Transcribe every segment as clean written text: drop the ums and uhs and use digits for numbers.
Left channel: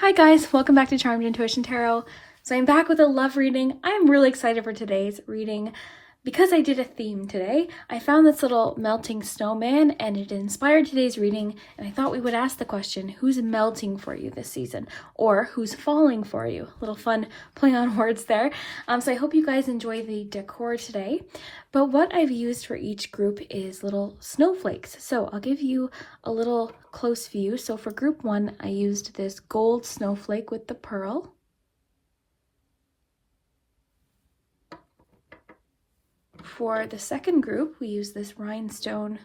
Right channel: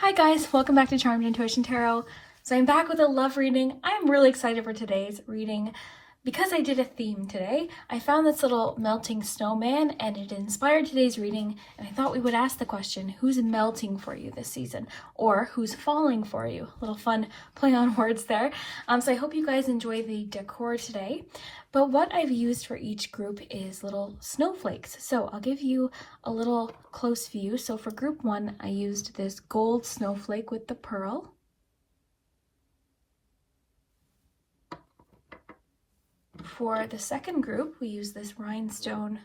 Hi guys, welcome back to Charmed Intuition Tarot. So I'm back with a love reading. I'm really excited for today's reading because I did a theme today. I found this little melting snowman and it inspired today's reading, and I thought we would ask the question, who's melting for you this season? Or who's falling for you? A little fun play on words there. So I hope you guys enjoy the decor today. But what I've used for each group is little snowflakes. So I'll give you a little close view. So for group 1, I used this gold snowflake with the pearl. For the second group, we use this rhinestone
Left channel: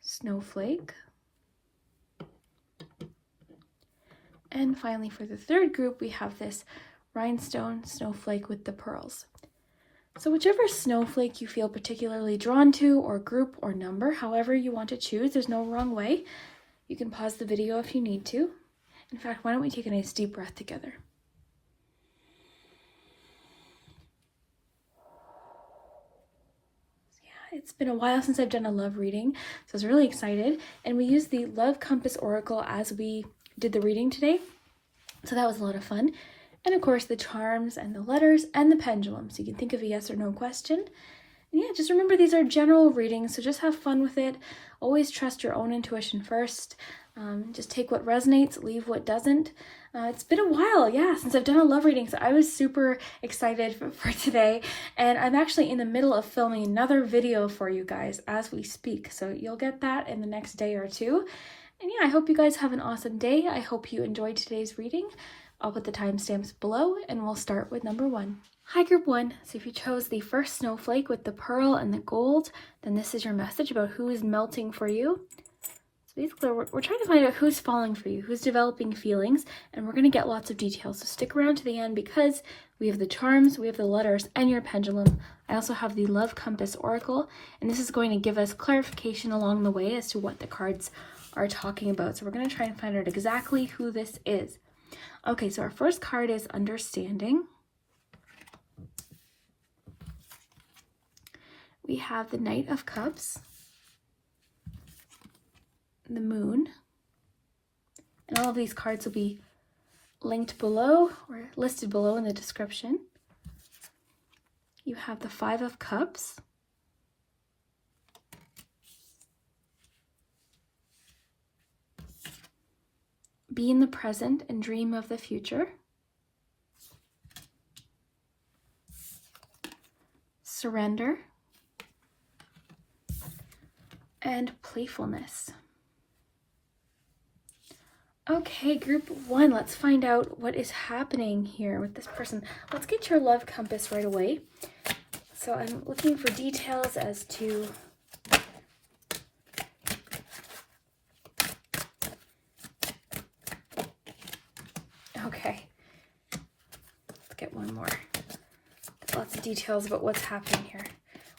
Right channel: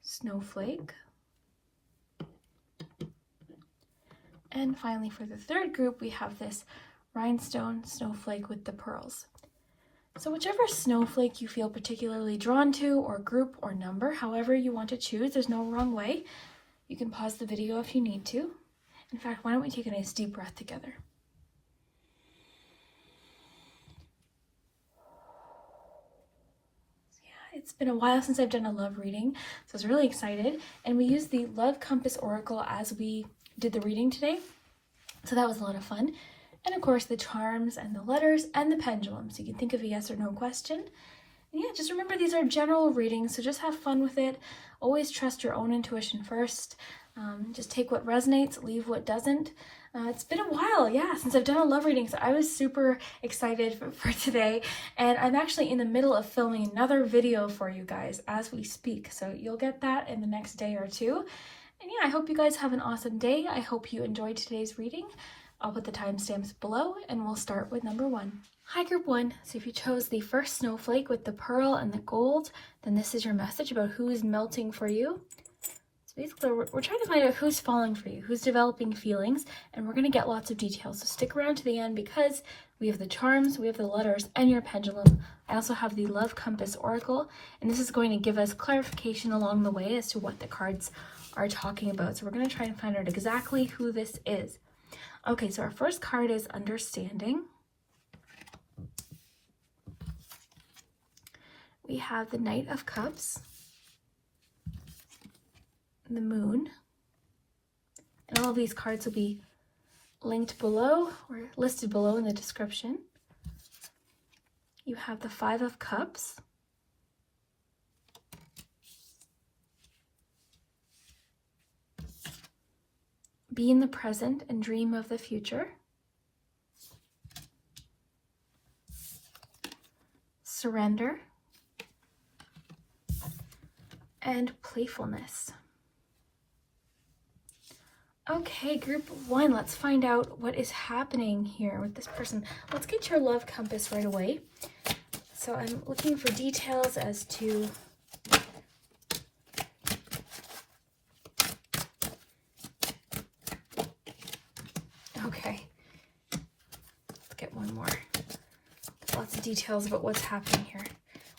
snowflake. And finally, for the third group, we have this rhinestone snowflake with the pearls. So whichever snowflake you feel particularly drawn to, or group or number, however you want to choose, there's no wrong way. You can pause the video if you need to. In fact, why don't we take a nice deep breath together? It's been a while since I've done a love reading, so I was really excited. And we used the Love Compass Oracle as we did the reading today. So that was a lot of fun. And of course, the charms and the letters and the pendulum. So you can think of a yes or no question. And yeah, just remember these are general readings, so just have fun with it. Always trust your own intuition first. Just take what resonates, leave what doesn't. It's been a while, since I've done a love reading, so I was super excited for today. And I'm actually in the middle of filming another video for you guys as we speak, so you'll get that in the next day or two. And yeah, I hope you guys have an awesome day. I hope you enjoyed today's reading. I'll put the timestamps below, and we'll start with number 1. Hi, group 1. So if you chose the first snowflake with the pearl and the gold, then this is your message about who is melting for you. Basically, we're trying to find out who's falling for you, who's developing feelings, and we're going to get lots of details. So stick around to the end because we have the charms, we have the letters, and your pendulum. I also have the Love Compass Oracle, and this is going to give us clarification along the way as to what the cards are talking about. So we're going to try and find out exactly who this is. Okay, so our first card is Understanding. We have the Knight of Cups, the Moon, and all of these cards will be linked below or listed below in the description. You have the Five of Cups, be in the present and dream of the future, surrender, and playfulness. Okay, group 1, let's find out what is happening here with this person. Let's get your love compass right away. So I'm looking for details as to okay. Let's get one more. Lots of details about what's happening here.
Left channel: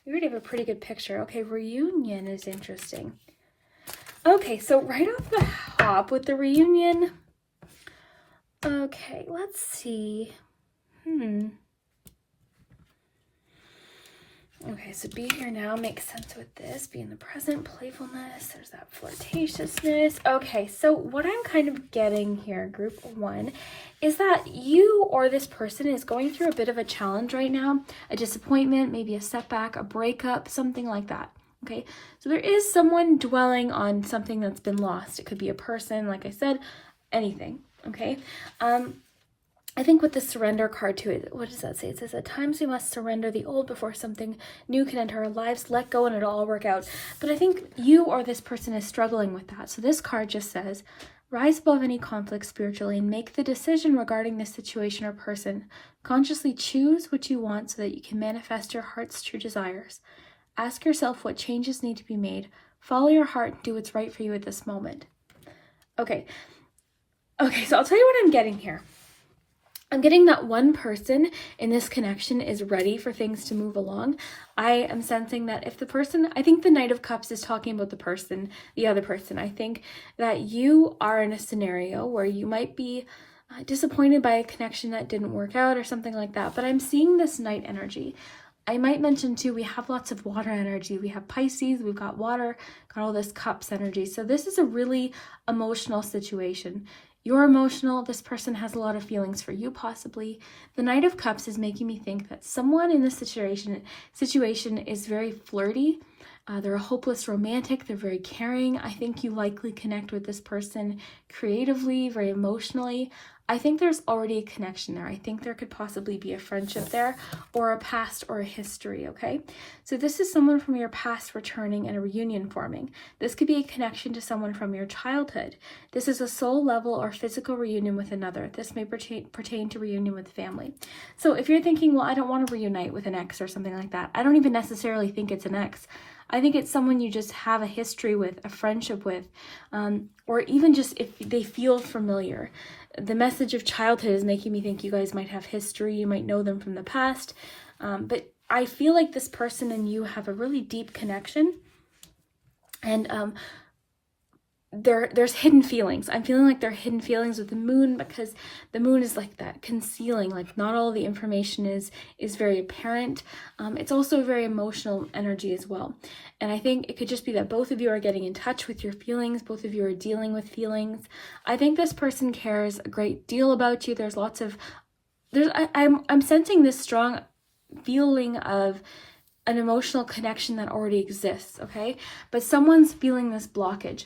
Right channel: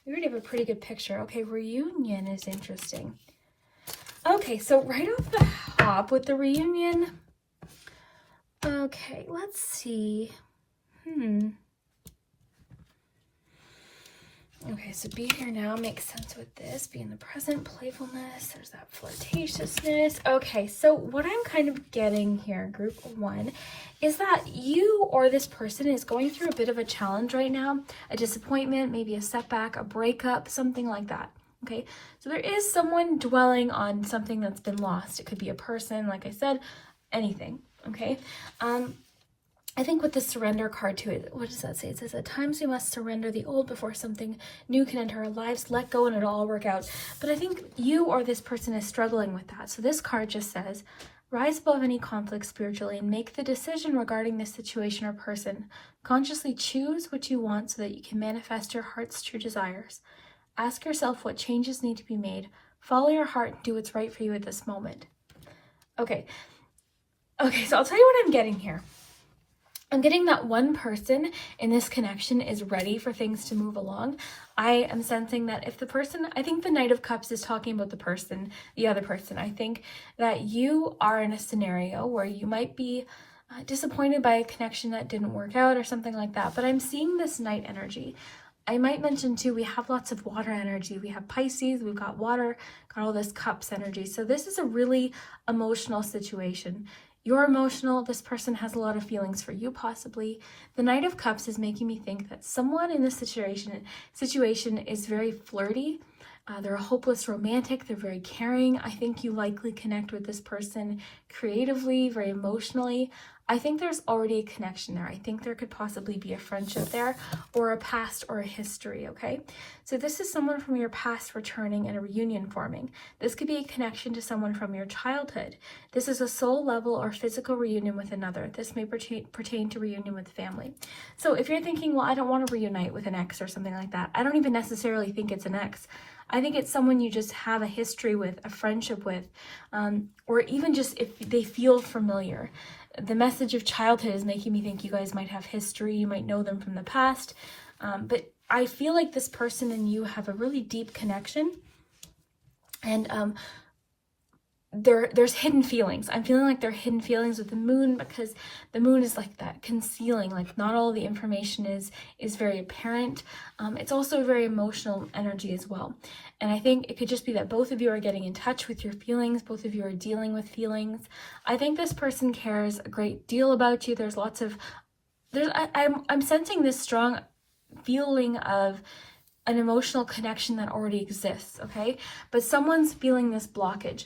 We already have a pretty good picture. Okay, reunion is interesting. Okay, so right off the hop with the reunion, okay, let's see. Okay, so be here now makes sense with this. Be in the present, playfulness, there's that flirtatiousness. Okay, so what I'm kind of getting here, group 1, is that you or this person is going through a bit of a challenge right now, a disappointment, maybe a setback, a breakup, something like that. Okay, so there is someone dwelling on something that's been lost. It could be a person, like I said, anything. Okay, I think with the surrender card too, what does that say? It says, at times we must surrender the old before something new can enter our lives. Let go and it'll all work out. But I think you or this person is struggling with that. So this card just says, rise above any conflict spiritually and make the decision regarding this situation or person. Consciously choose what you want so that you can manifest your heart's true desires. Ask yourself what changes need to be made. Follow your heart and do what's right for you at this moment. Okay, so I'll tell you what I'm getting here. I'm getting that one person in this connection is ready for things to move along. I am sensing that if the person, I think the Knight of Cups is talking about the other person. I think that you are in a scenario where you might be disappointed by a connection that didn't work out or something like that. But I'm seeing this Knight energy. I might mention too, we have lots of water energy. We have Pisces, we've got water, got all this cups energy. So this is a really emotional situation. You're emotional. This person has a lot of feelings for you, possibly. The Knight of Cups is making me think that someone in this situation is very flirty. They're a hopeless romantic. They're very caring. I think you likely connect with this person creatively, very emotionally. I think there's already a connection there. I think there could possibly be a friendship there, or a past or a history, okay? So this is someone from your past returning and a reunion forming. This could be a connection to someone from your childhood. This is a soul level or physical reunion with another. This may pertain to reunion with family. So if you're thinking, well, I don't want to reunite with an ex or something like that, I don't even necessarily think it's an ex. I think it's someone you just have a history with, a friendship with, or even just if they feel familiar. The message of childhood is making me think you guys might have history, you might know them from the past, but I feel like this person and you have a really deep connection, and there's hidden feelings. I'm feeling like there are hidden feelings with the moon, because the moon is like that, concealing, like not all the information is very apparent. It's also a very emotional energy as well. And I think it could just be that both of you are getting in touch with your feelings, both of you are dealing with feelings. I think this person cares a great deal about you. I'm sensing this strong feeling of an emotional connection that already exists, okay? But someone's feeling this blockage.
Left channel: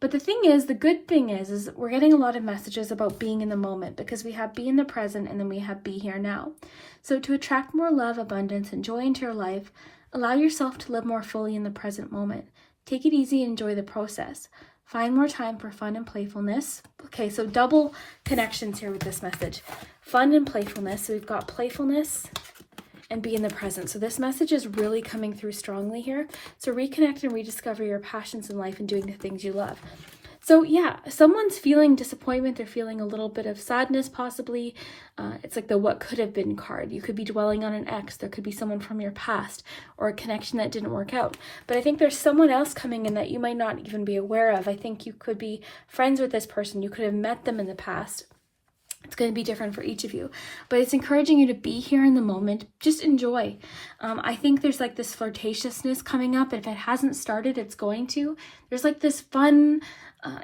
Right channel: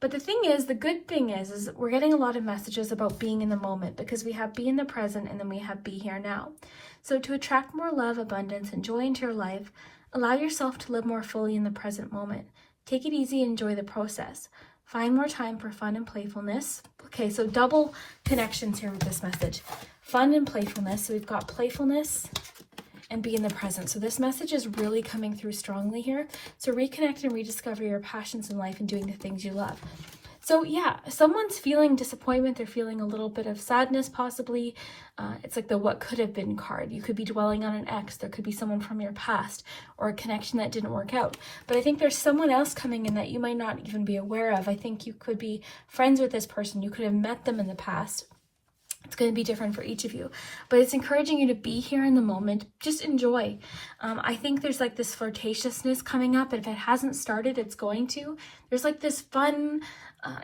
But the good thing is we're getting a lot of messages about being in the moment, because we have be in the present and then we have be here now. So to attract more love, abundance, and joy into your life, allow yourself to live more fully in the present moment. Take it easy and enjoy the process. Find more time for fun and playfulness. Okay, so double connections here with this message. Fun and playfulness. So we've got playfulness and be in the present. So this message is really coming through strongly here. So reconnect and rediscover your passions in life and doing the things you love. So yeah, someone's feeling disappointment. They're feeling a little bit of sadness, possibly. It's like the what could have been card. You could be dwelling on an ex. There could be someone from your past or a connection that didn't work out. But I think there's someone else coming in that you might not even be aware of. I think you could be friends with this person. You could have met them in the past. It's going to be different for each of you, but it's encouraging you to be here in the moment. Just enjoy. I think there's like this flirtatiousness coming up. If it hasn't started, it's going to. There's like this fun,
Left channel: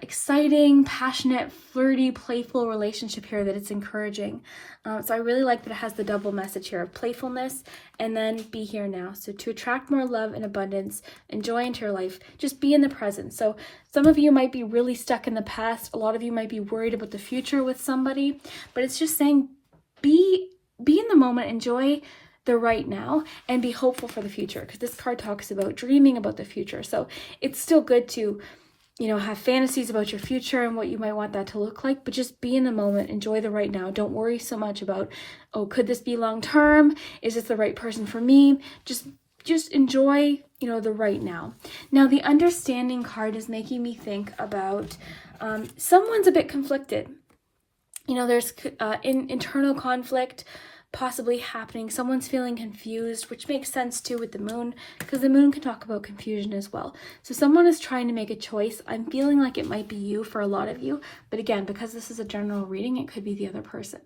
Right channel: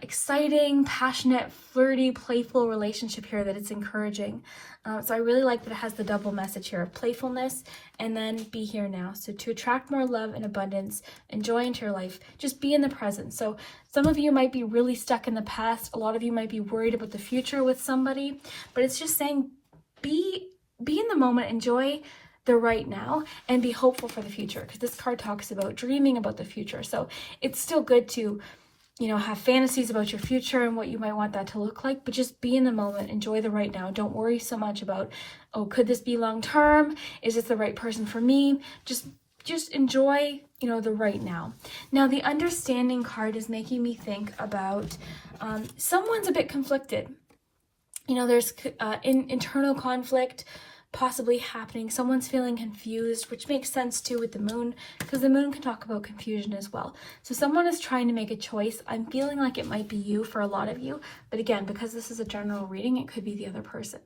exciting, passionate, flirty, playful relationship here that it's encouraging. So I really like that it has the double message here of playfulness and then be here now. So to attract more love and abundance and joy into your life, just be in the present. So some of you might be really stuck in the past. A lot of you might be worried about the future with somebody, but it's just saying be in the moment, enjoy the right now, and be hopeful for the future, because this card talks about dreaming about the future. So it's still good to have fantasies about your future and what you might want that to look like, but just be in the moment, enjoy the right now. Don't worry so much about, oh, could this be long term? Is this the right person for me? Just enjoy, the right now. Now, the understanding card is making me think about someone's a bit conflicted. There's internal conflict possibly happening. Someone's feeling confused, which makes sense too with the moon, because the moon can talk about confusion as well. So someone is trying to make a choice. I'm feeling like it might be you for a lot of you, but again, because this is a general reading, it could be the other person.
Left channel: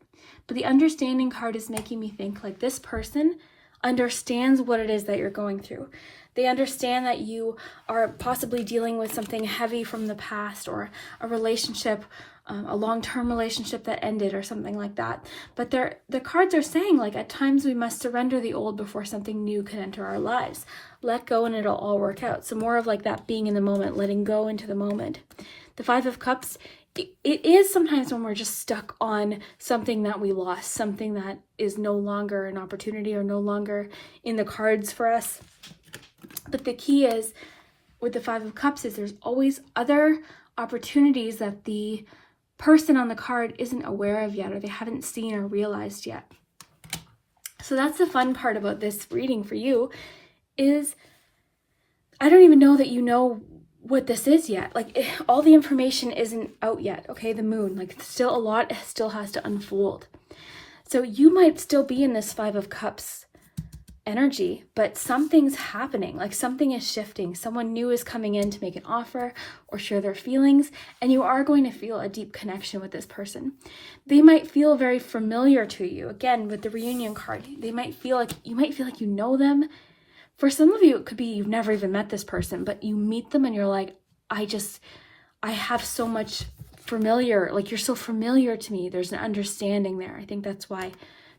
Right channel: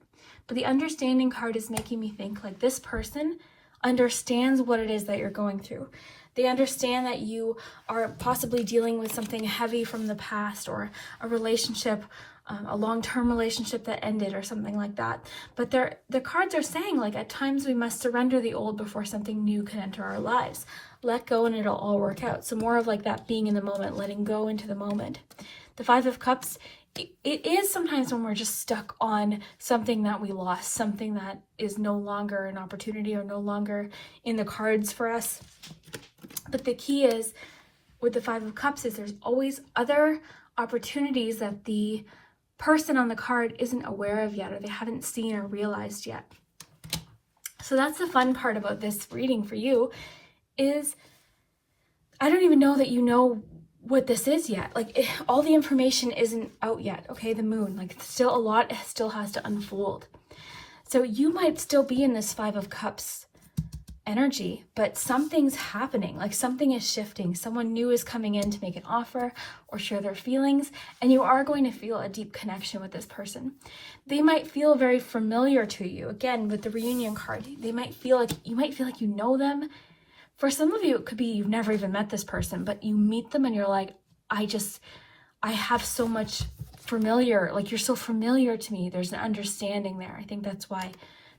But the understanding card is making me think like this person understands what it is that you're going through. They understand that you are possibly dealing with something heavy from the past, or a relationship, a long-term relationship that ended or something like that. But the cards are saying, like, at times we must surrender the old before something new can enter our lives. Let go and it'll all work out. So more of like that being in the moment, letting go into the moment. The Five of Cups, it is sometimes when we're just stuck on something that we lost, something that is no longer an opportunity or no longer in the cards for us. But the key is, with the Five of Cups, is there's always other opportunities that the person on the card isn't aware of yet, or they haven't seen or realized yet. So that's the fun part about this reading for you, is I don't even know that you know what this is yet. Like, all the information isn't out yet, okay? The moon, like, still a lot still has to unfold. So you might still be in this Five of Cups energy, but something's happening, like something is shifting. Someone new is coming in to make an offer or share their feelings, and you are going to feel a deep connection with this person. They might feel very familiar to you. Again, with the reunion card, they might feel like you know them. For some of you, it could be you've never even met this person, but you meet them and you're like, I have so much familiar, like you're so familiar to me. There's an understanding there. I think that's why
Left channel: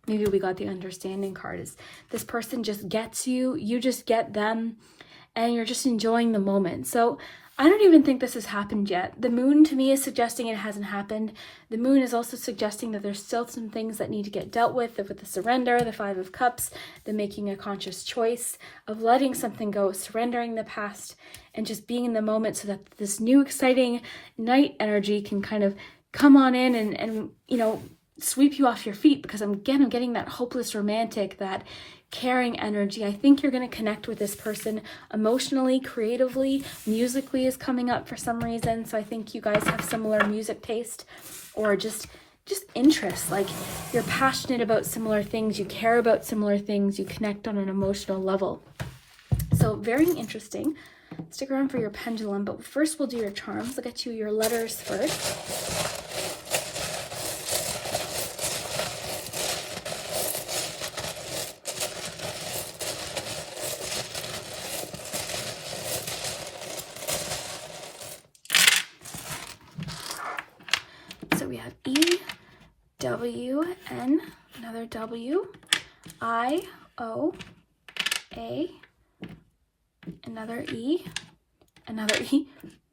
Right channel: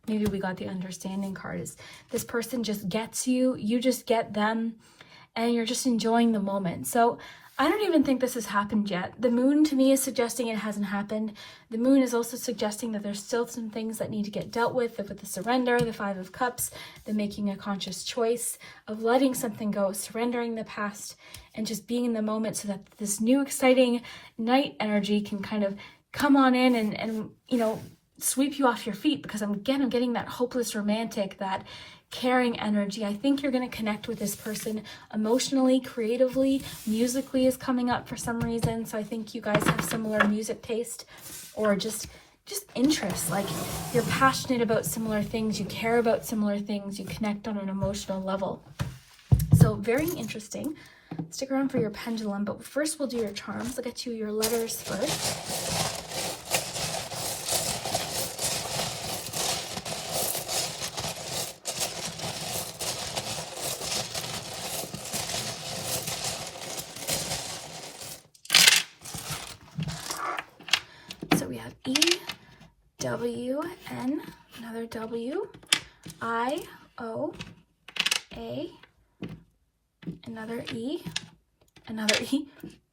maybe we got the understanding card, is this person just gets you, you just get them, and you're just enjoying the moment. So I don't even think this has happened yet. The moon to me is suggesting it hasn't happened. The moon is also suggesting that there's still some things that need to get dealt with the surrender, the 5 of Cups, the making a conscious choice of letting something go, surrendering the past, and just being in the moment so that this new exciting night energy can kind of come on in and you know, sweep you off your feet. Because I'm getting that hopeless romantic, that caring energy. I think you're going to connect with this person emotionally, creatively. Musically is coming up for some reason. So I think you guys have similar music taste, or just interests. Like you're passionate about similar things, you care about similar things, you connect on an emotional level. So very interesting. Stick around for your pendulum, but first we'll do your charms. I'll get you your letters first. W, N, another W, I, O, A, another E,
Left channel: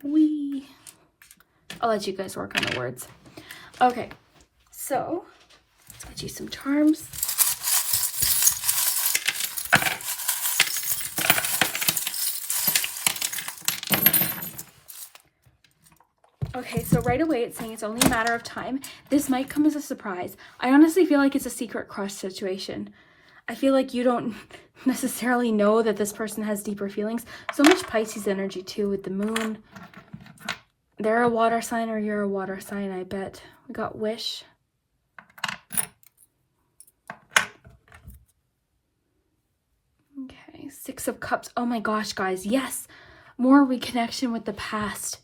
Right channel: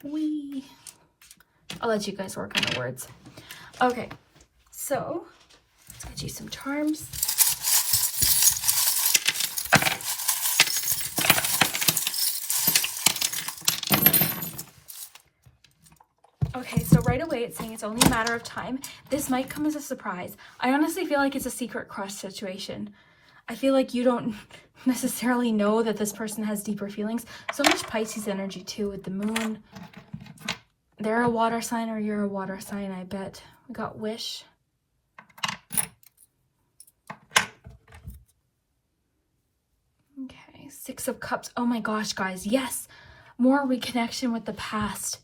we. I'll let you guys work on the words. Okay, so let's get you some charms. Okay, so right away it's saying it's only a matter of time. This might come as a surprise. I honestly feel like it's a secret crush situation. I feel like you don't necessarily know that this person has deeper feelings. So much Pisces energy too with the moon. They're a water sign or you're a water sign, I bet. We got wish. Okay, 6 of Cups. Oh my gosh, guys. Yes, more reconnection with the past.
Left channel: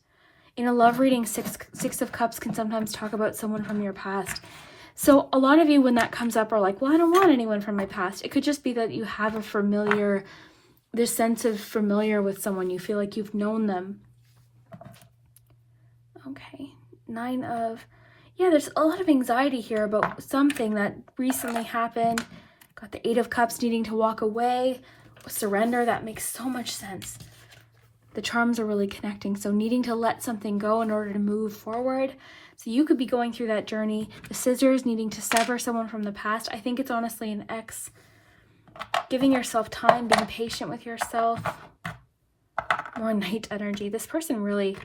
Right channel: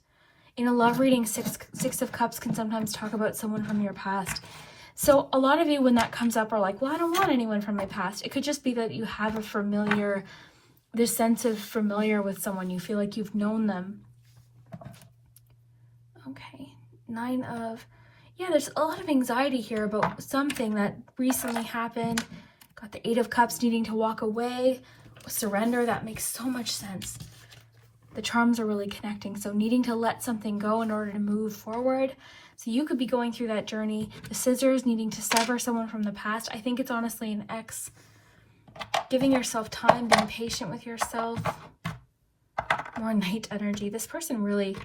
In a love reading, six of Cups can sometimes talk about someone from your past. So a lot of you, when that comes up, are like, well, I don't want anyone from my past. It could just be that you have a familiar, this sense of familiar with someone. You feel like you've known them. Okay, 9 of, yeah, there's a lot of anxiety here about something that recently happened. Got the 8 of Cups needing to walk away. Surrender, that makes so much sense. The charms are really connecting. So needing to let something go in order to move forward. So you could be going through that journey. The scissors, needing to sever someone from the past. I think it's honestly an ex. Giving yourself time, being patient with yourself. More night energy. This person really...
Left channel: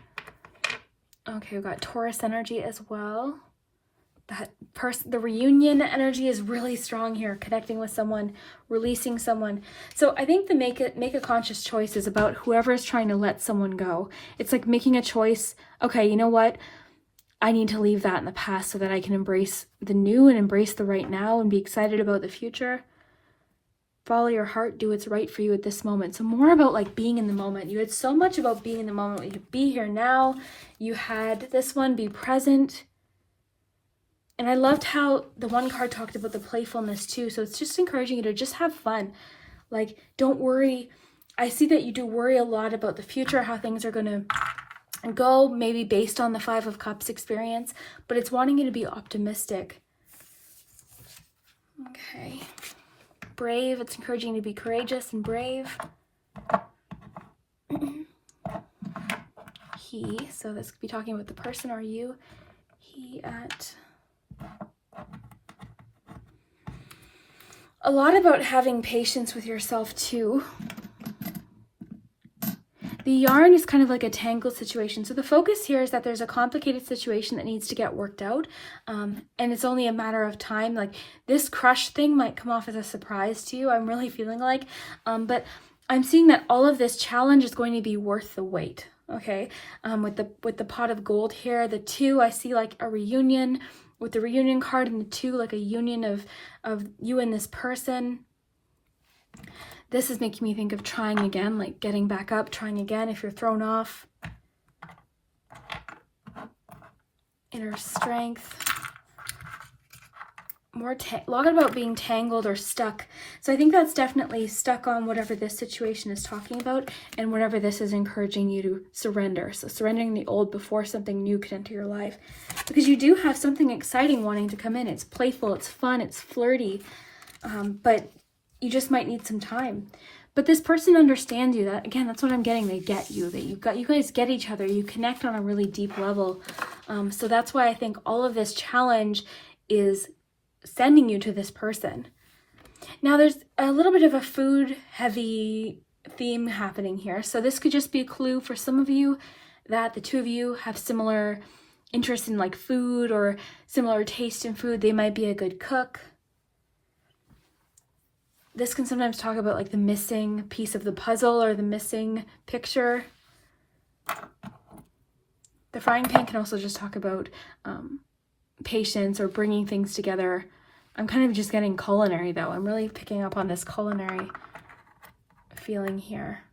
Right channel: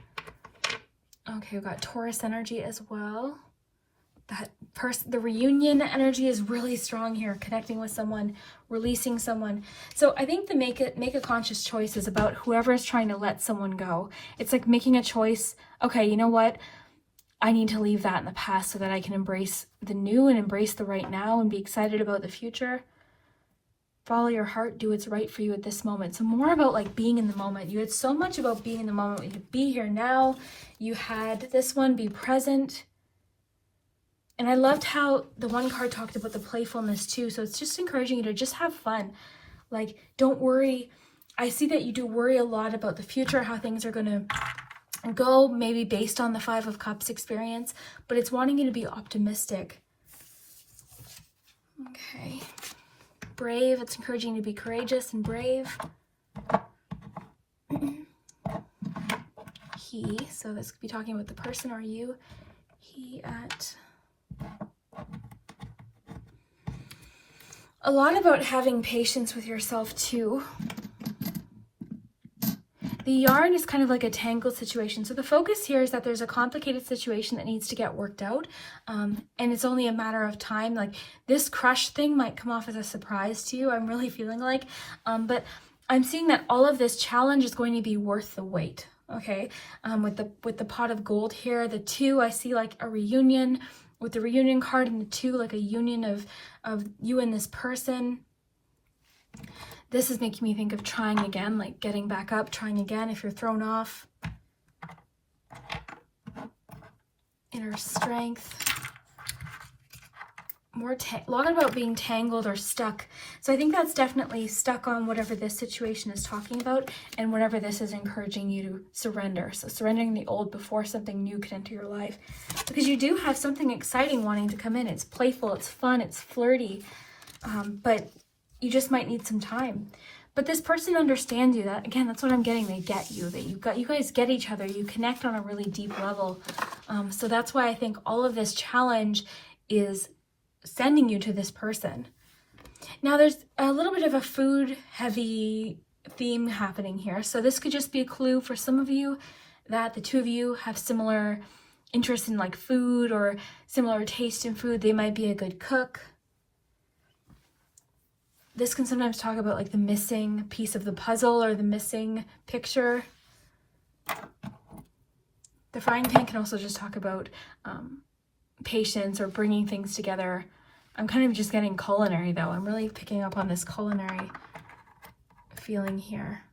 Okay, we've got Taurus energy as well. The reunion energy is really strong here, connecting with someone, releasing someone. So I think the make a conscious choice is about whoever is trying to let someone go. It's like making a choice. Okay, you know what? I need to leave that in the past so that I can embrace the new and embrace the right now and be excited about the future. Follow your heart, do what's right for you at this moment. So more about like being in the moment. You had so much about being in the moment. You could be here now. You had this one, be present. And I loved how the one card talked about the playfulness too. So it's just encouraging you to just have fun. Like, don't worry. I see that you do worry a lot about the future, how things are going to go, maybe based on the 5 of Cups experience, but it's wanting you to be optimistic. Okay. Brave. It's encouraging you to be courageous and brave. He. So this could be talking about the person or you. He at... A lot about having patience with yourself too. The yarn is kind of like a tangled situation. So the focus here is that there's a complicated situation that needs to get worked out. And it's only a matter of time. Like this crush thing might come off as a surprise to you. I'm really feeling like, but I'm seeing that all of this challenge is going to be worth the wait. Okay. With the pot of gold here, the 2, I see like a reunion. With the reunion card and the 2, like a union of you and this person. This is making me think of trying again, like getting back up, trying again if you're thrown off. Inner strength. a lot about being tangled or stuck. So I think that's definitely stuck on whatever this situation is talking about and whatever this is encouraging you to surrender. So surrendering the old before something new can enter your life. Because you do have something exciting wanting to come in. It's playful, it's fun, it's flirty, but you just might need some time. But this person understands you. That, again, that's what I'm getting. They get you. That you guys get each other. You connect on a really deep level. So that's why I think all of this challenge is sending you to this person. Now, there's a little bit of a food-heavy theme happening here. So this could just be a clue for some of you that the two of you have similar interests in like food or similar taste in food. They might be a good cook. This can sometimes talk about like the missing piece of the puzzle or the missing picture. The frying pan can also just talk about patience or bringing things together. I'm kind of just getting culinary though. I'm really picking up on this culinary feeling here.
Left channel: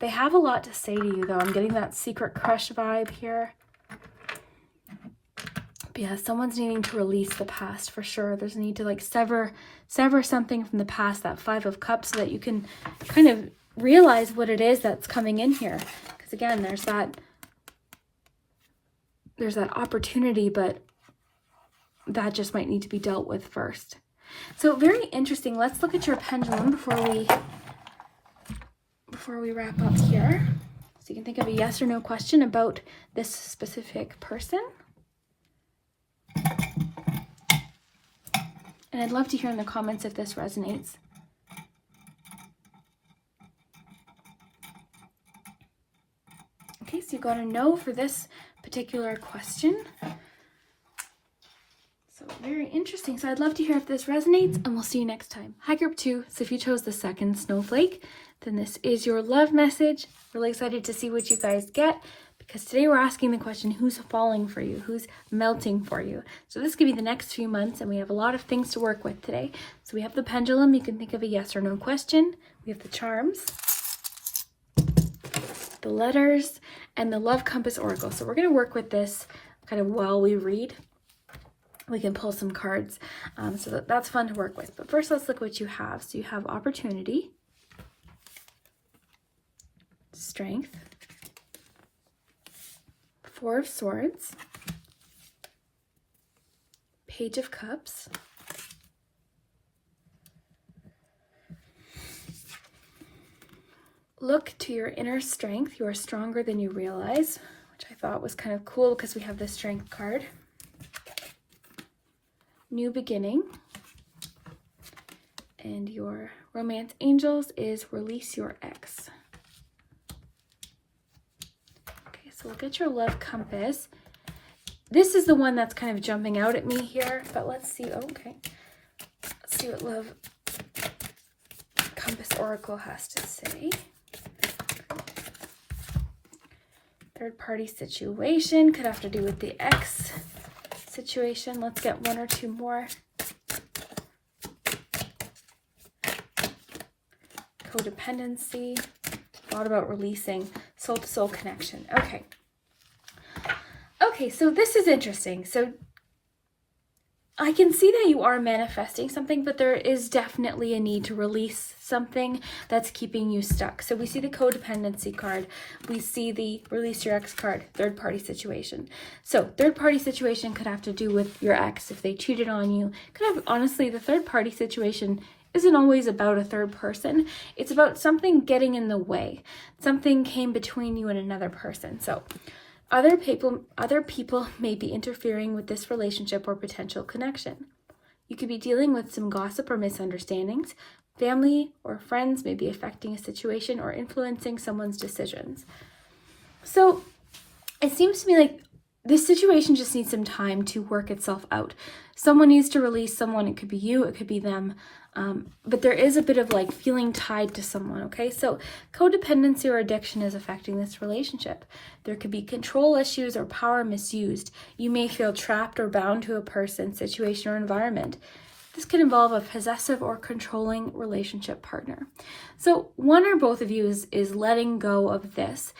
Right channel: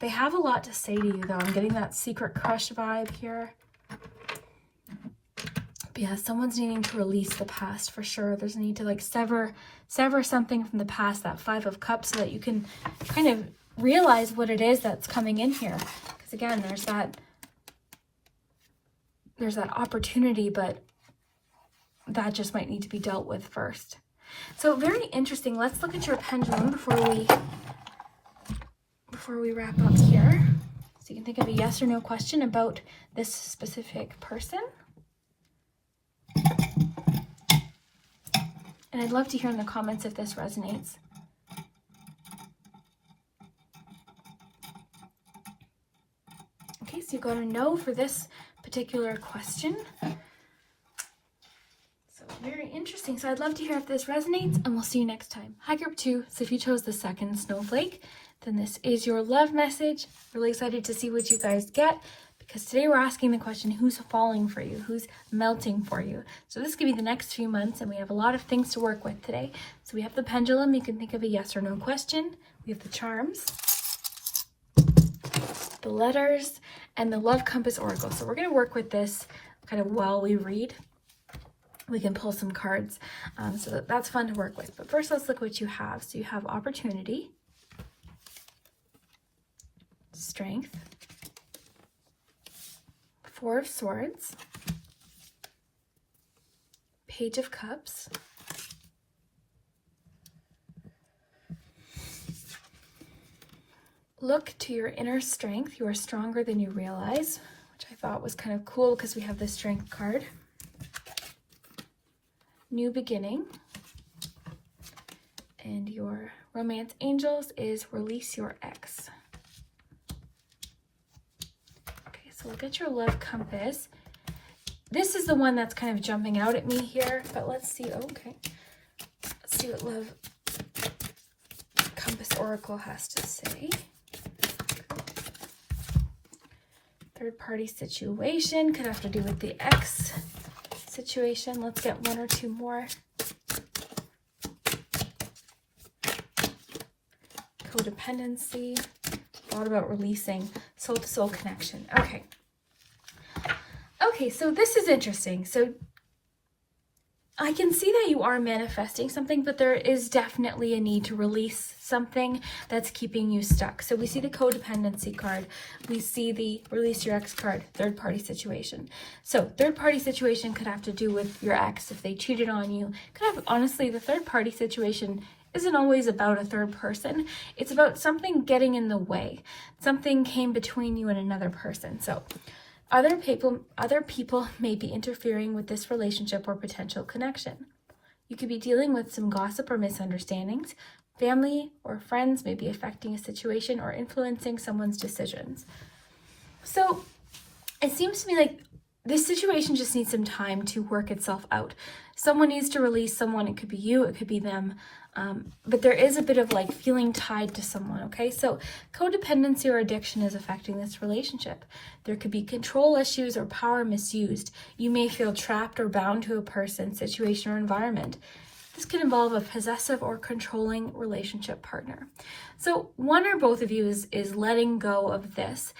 They have a lot to say to you though. I'm getting that secret crush vibe here. But yeah, someone's needing to release the past for sure. There's a need to like sever something from the past, that 5 of Cups, so that you can kind of realize what it is that's coming in here. Because again, there's that opportunity, but that just might need to be dealt with first. So very interesting. Let's look at your pendulum before we wrap up here. So you can think of a yes or no question about this specific person. And I'd love to hear in the comments if this resonates. Okay, so you got a no for this particular question. So very interesting. So I'd love to hear if this resonates, and we'll see you next time. Hi, group 2. So if you chose the second snowflake, then this is your love message. Really excited to see what you guys get, because today we're asking the question, who's falling for you? Who's melting for you? So this could be the next few months, and we have a lot of things to work with today. So we have the pendulum. You can think of a yes or no question. We have the charms, the letters, and the love compass oracle. So we're going to work with this kind of while we read. We can pull some cards, so that's fun to work with. But first, let's look what you have. So you have opportunity, strength, 4 of Swords, Page of Cups, look to your inner strength. You are stronger than you realize, which I thought was kind of cool because we have the strength card. New beginning. And your romance angels is release your ex. Okay, so look at your love compass. This is the one that's kind of jumping out at me here, but let's see. Okay, let's see what love compass oracle has to say. Third party situation could have to do with the ex situation. Let's get 1 or 2 more. Codependency. A lot about releasing, soul to soul connection. Okay, so this is interesting. So I can see that you are manifesting something, but there is definitely a need to release something that's keeping you stuck. So we see the codependency card. We see the release your ex card, third party situation. So third party situation could have to do with your ex if they cheated on you. Could have, honestly, the third party situation isn't always about a third person. It's about something getting in the way. Something came between you and another person. So other people may be interfering with this relationship or potential connection. You could be dealing with some gossip or misunderstandings. Family or friends may be affecting a situation or influencing someone's decisions. So it seems to me like this situation just needs some time to work itself out. Someone needs to release someone. It could be you, it could be them. But there is a bit of like feeling tied to someone, okay? So codependency or addiction is affecting this relationship. There could be control issues or power misused. You may feel trapped or bound to a person, situation, or environment. This can involve a possessive or controlling relationship partner. So one or both of you is letting go of this.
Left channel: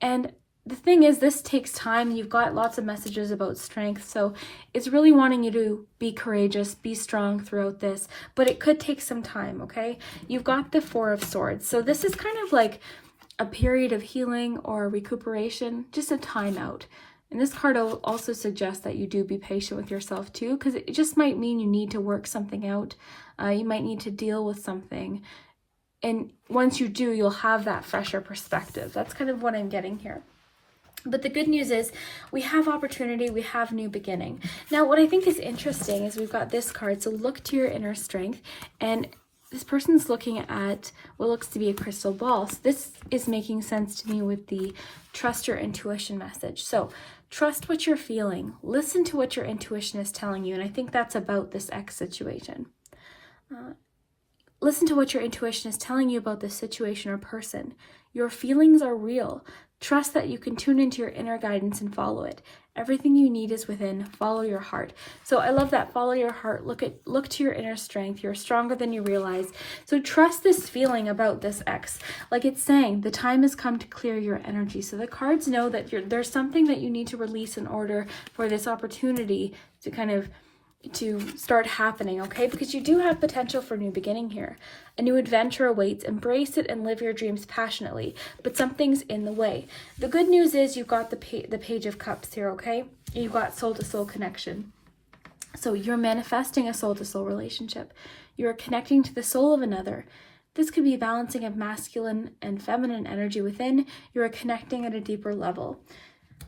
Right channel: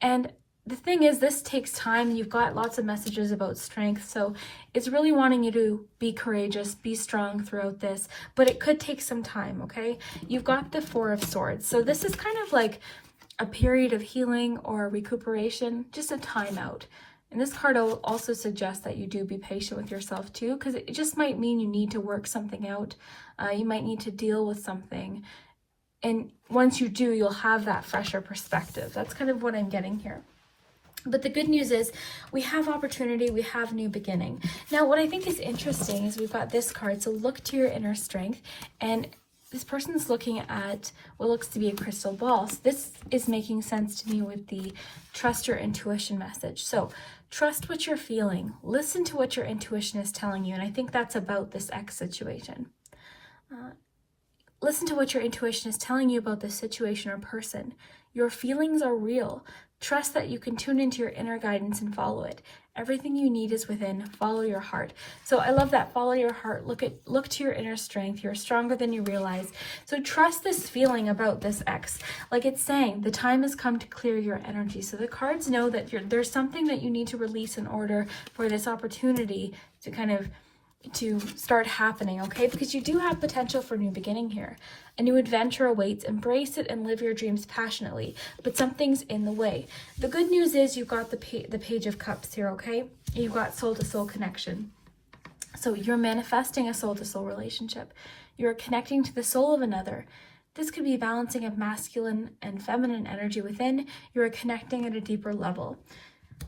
And the thing is, this takes time. You've got lots of messages about strength, so it's really wanting you to be courageous, be strong throughout this, but it could take some time, okay? You've got the Four of Swords, so this is kind of like a period of healing or recuperation, just a timeout. And this card will also suggest that you do be patient with yourself too, because it just might mean you need to work something out. You might need to deal with something. And once you do, you'll have that fresher perspective. That's kind of what I'm getting here. But the good news is we have opportunity, we have new beginning. Now, what I think is interesting is we've got this card. So look to your inner strength, and this person's looking at what looks to be a crystal ball. So this is making sense to me with the trust your intuition message. So trust what you're feeling. Listen to what your intuition is telling you. And I think that's about this X situation. Listen to what your intuition is telling you about this situation or person. Your feelings are real. Trust that you can tune into your inner guidance and follow it. Everything you need is within. Follow your heart. So I love that. Follow your heart. Look to your inner strength. You're stronger than you realize. So trust this feeling about this X. Like it's saying, the time has come to clear your energy. So the cards know that there's something that you need to release in order for this opportunity to to start happening, okay? Because you do have potential for new beginning here. A new adventure awaits. Embrace it and live your dreams passionately, but something's in the way. The good news is you've got the Page of Cups here, okay? You've got soul-to-soul connection. So you're manifesting a soul-to-soul relationship. You're connecting to the soul of another. This could be a balancing of masculine and feminine energy within. You're connecting at a deeper level.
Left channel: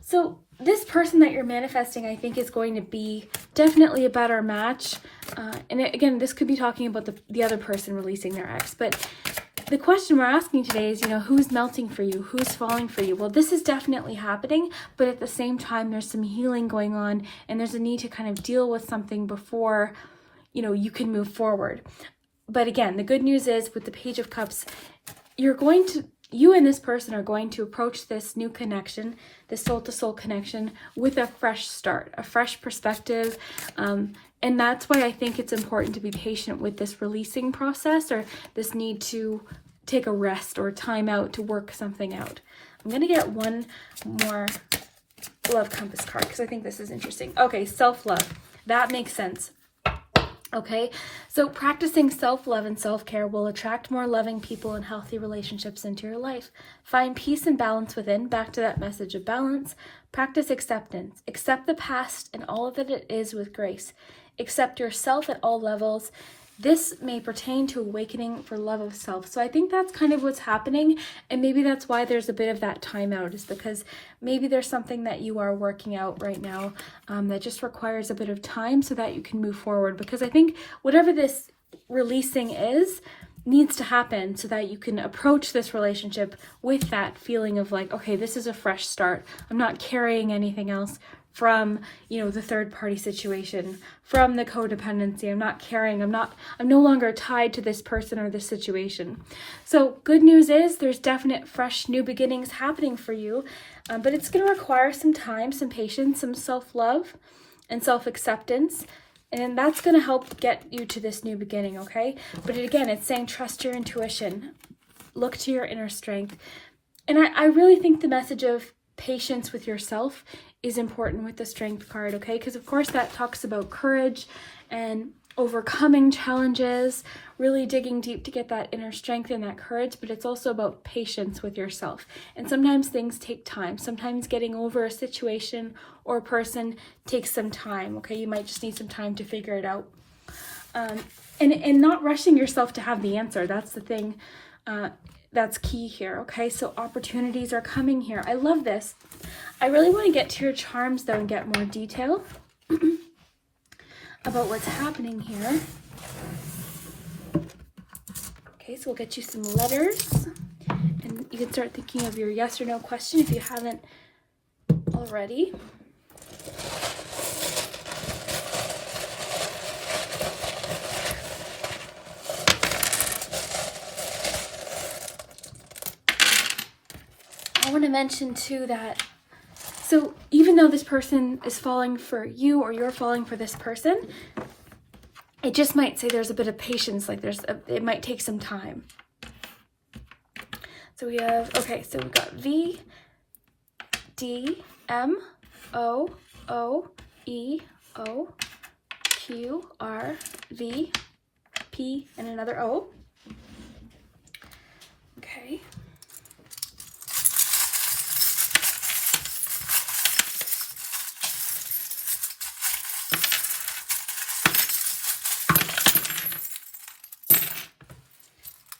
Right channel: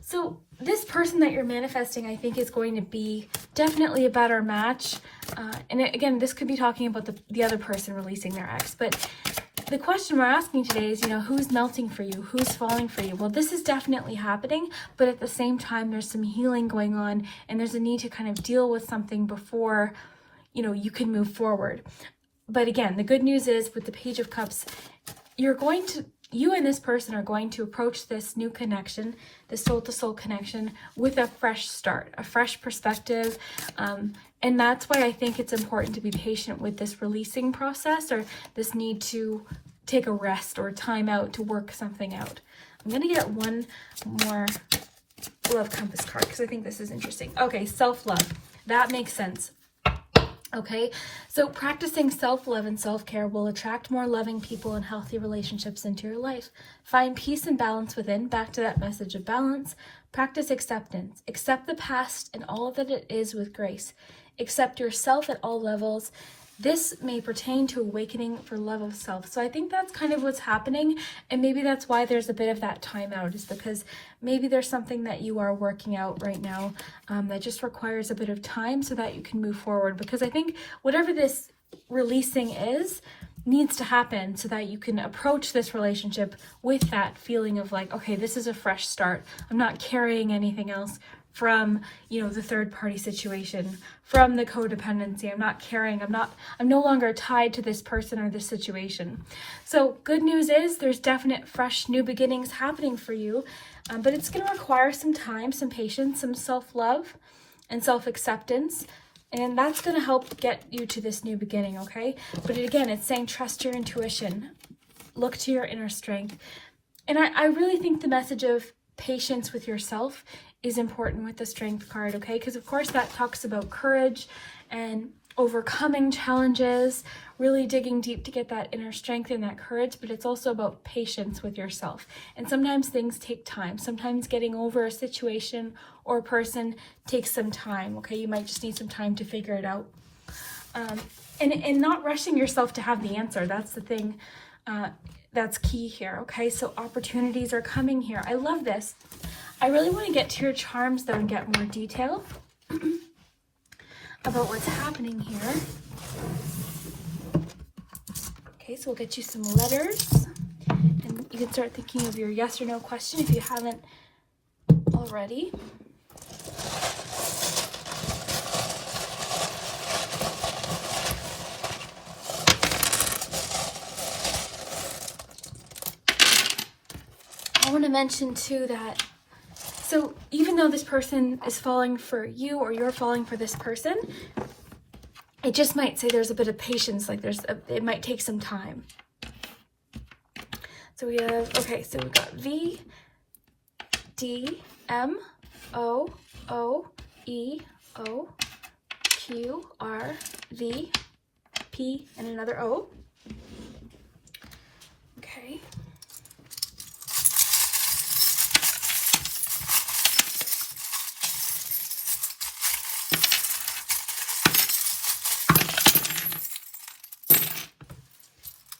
So this person that you're manifesting, I think, is going to be definitely a better match. And again, this could be talking about the other person releasing their ex. But the question we're asking today is, who's melting for you? Who's falling for you? Well, this is definitely happening, but at the same time, there's some healing going on, and there's a need to kind of deal with something before, you can move forward. But again, the good news is with the Page of Cups, you and this person are going to approach this new connection, the soul-to-soul connection, with a fresh start, a fresh perspective. And that's why I think it's important to be patient with this releasing process, or this need to take a rest or time out to work something out. I'm going to get one more Love Compass card because I think this is interesting. Okay, self-love. That makes sense. Okay, so practicing self-love and self-care will attract more loving people and healthy relationships into your life. Find peace and balance within. Back to that message of balance. Practice acceptance. Accept the past and all that it is with grace. Accept yourself at all levels. This may pertain to awakening for love of self. So I think that's kind of what's happening, and maybe that's why there's a bit of that timeout, is because maybe there's something that you are working out right now that just requires a bit of time so that you can move forward. Because I think whatever this releasing is needs to happen so that you can approach this relationship with that feeling of like, okay, this is a fresh start. I'm not carrying anything else from, the third party situation, from the codependency. I'm no longer tied to this person or this situation. So good news is there's definite fresh new beginnings happening for you, but it's going to require some time, some patience, some self-love and self-acceptance. And that's going to help get you to this new beginning, okay? But again, it's saying trust your intuition. Look to your inner strength. And I really think the message of patience with yourself is important with the Strength card, okay? Because of course that talks about courage and overcoming challenges, really digging deep to get that inner strength and that courage, but it's also about patience with yourself. And sometimes things take time. Sometimes getting over a situation or a person takes some time, okay? You might just need some time to figure it out. And not rushing yourself to have the answer. That's the thing that's key here, okay? So opportunities are coming here. I love this. I really want to get to your charms, though, and get more detail about what's happening here. Okay, so we'll get you some letters, and you can start thinking of your yes or no question if you haven't already. I want to mention, too, that so even though this person is falling for you or you're falling for this person, it just might say there's a bit of patience, like it might take some time. So we have, okay, so we've got V, D, M, O, O, E, O, Q, R, V, P, and another O. Okay.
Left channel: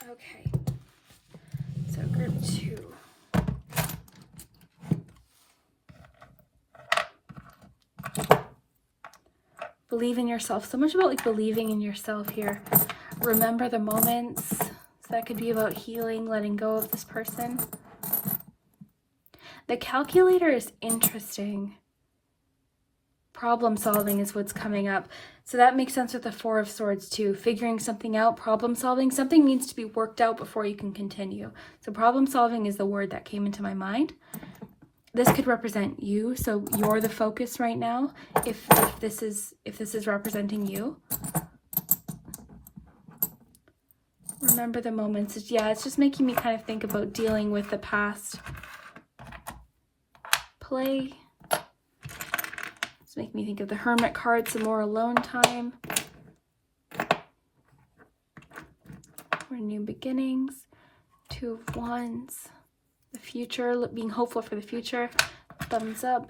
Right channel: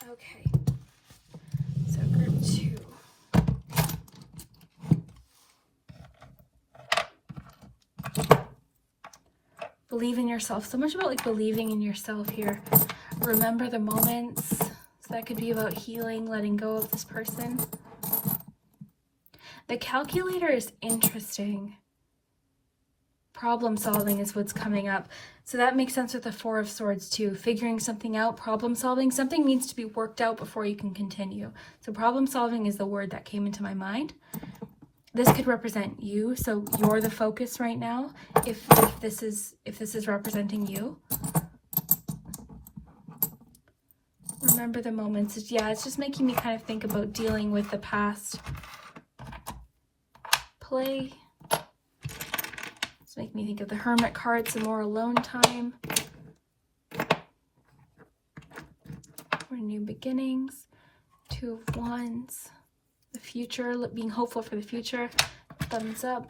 Okay. So group 2. Believe in yourself. So much about like believing in yourself here. Remember the moments. So that could be about healing, letting go of this person. The calculator is interesting. Problem solving is what's coming up. So that makes sense with the 4 of Swords too. Figuring something out, problem solving. Something needs to be worked out before you can continue. So problem solving is the word that came into my mind. This could represent you, so you're the focus right now. If this is representing you. Remember the moments. Yeah, it's just making me kind of think about dealing with the past. Play. Make me think of the Hermit card, some more alone time. Or new beginnings. 2 of Wands. The future, being hopeful for the future. Thumbs up.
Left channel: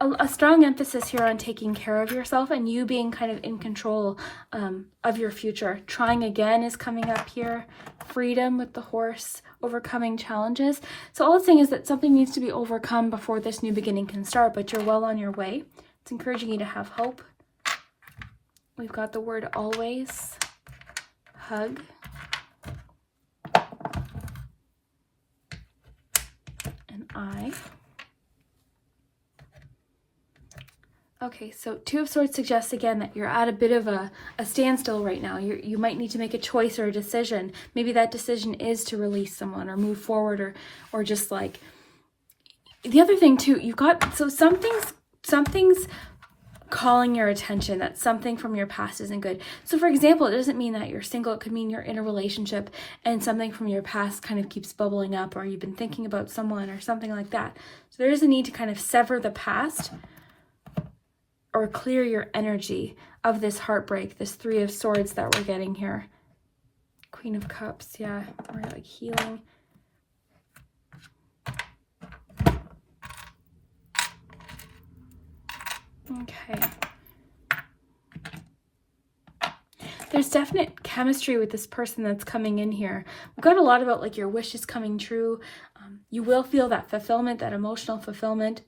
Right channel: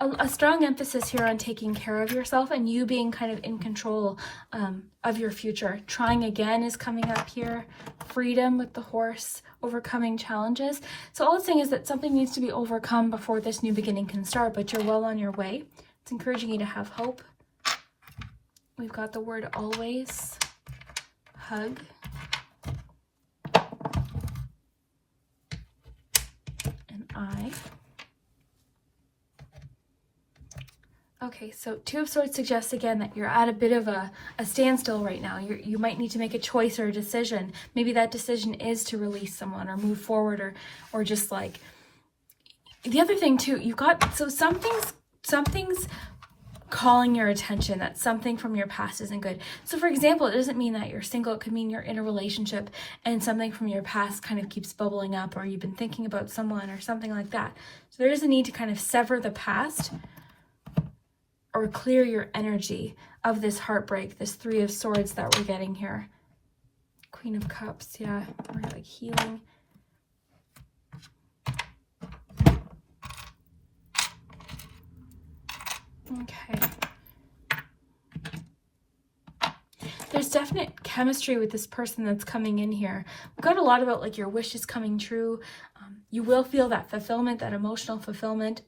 A strong emphasis here on taking care of yourself and you being kind of in control of your future. Trying again is coming up here. Freedom with the horse, overcoming challenges. So all it's saying is that something needs to be overcome before this new beginning can start, but you're well on your way. It's encouraging you to have hope. We've got the word always. Hug. And I. Okay, so 2 of Swords suggests again that you're at a bit of a standstill right now. You might need to make a choice or a decision. Maybe that decision is to release someone or move forward or just like... The other thing too, you've got... So something's calling your attention, that something from your past isn't good. So for example, it doesn't mean that you're single. It could mean you're in a relationship and something from your past kind of keeps bubbling up, or you've been thinking about someone or something like that. So there is a need to kind of sever the past or clear your energy of this heartbreak, this 3 of Swords that we're getting here. Queen of Cups, yeah, we're like healing. Okay. There's definite chemistry with this person that's coming in here. We've got a lot about like your wishes coming true. You will feel that fulfillment, that emotional fulfillment.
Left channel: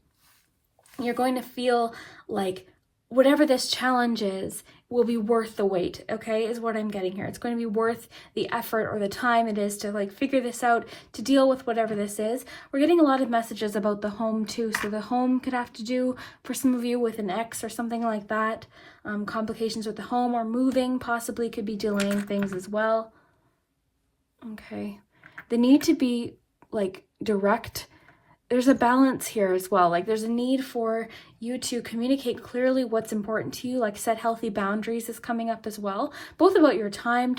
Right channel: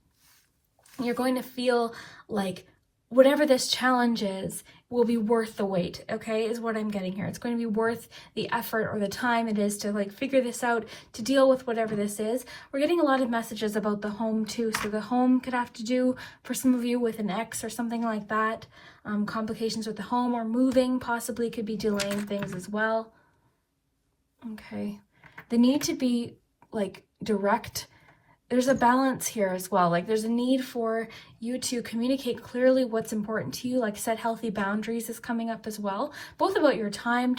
You're going to feel like whatever this challenge is will be worth the wait, okay, is what I'm getting here. It's going to be worth the effort or the time it is to like figure this out, to deal with whatever this is. We're getting a lot of messages about the home too. So the home could have to do, for some of you, with an ex or something like that. Complications with the home or moving possibly could be delaying things as well. Okay. The need to be like direct. There's a balance here as well. Like there's a need for you to communicate clearly what's important to you, like set healthy boundaries is coming up as well. Both about your time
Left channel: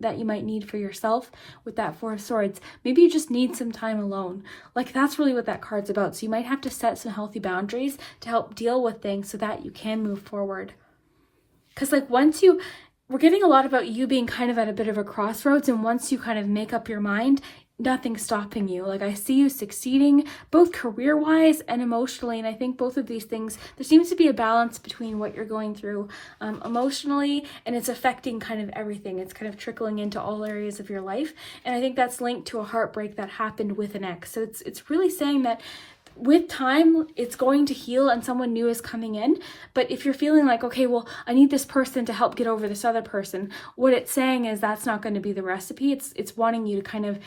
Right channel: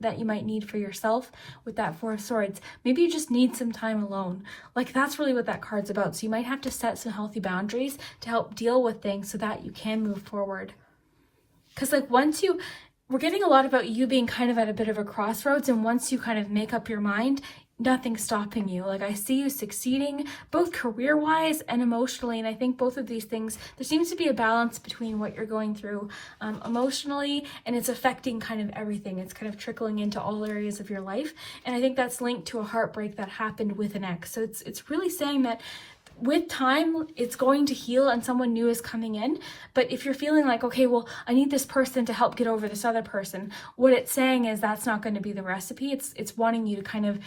that you might need for yourself with that 4 of Swords. Maybe you just need some time alone. Like that's really what that card's about. So you might have to set some healthy boundaries to help deal with things so that you can move forward. Because like we're getting a lot about you being kind of at a bit of a crossroads, and once you kind of make up your mind, nothing's stopping you. Like I see you succeeding both career-wise and emotionally, and I think both of these things, there seems to be a balance between what you're going through emotionally, and it's affecting kind of everything. It's kind of trickling into all areas of your life, and I think that's linked to a heartbreak that happened with an ex. So it's really saying that with time, it's going to heal and someone new is coming in. But if you're feeling like, okay, well, I need this person to help get over this other person, what it's saying is that's not going to be the recipe. It's wanting you to kind of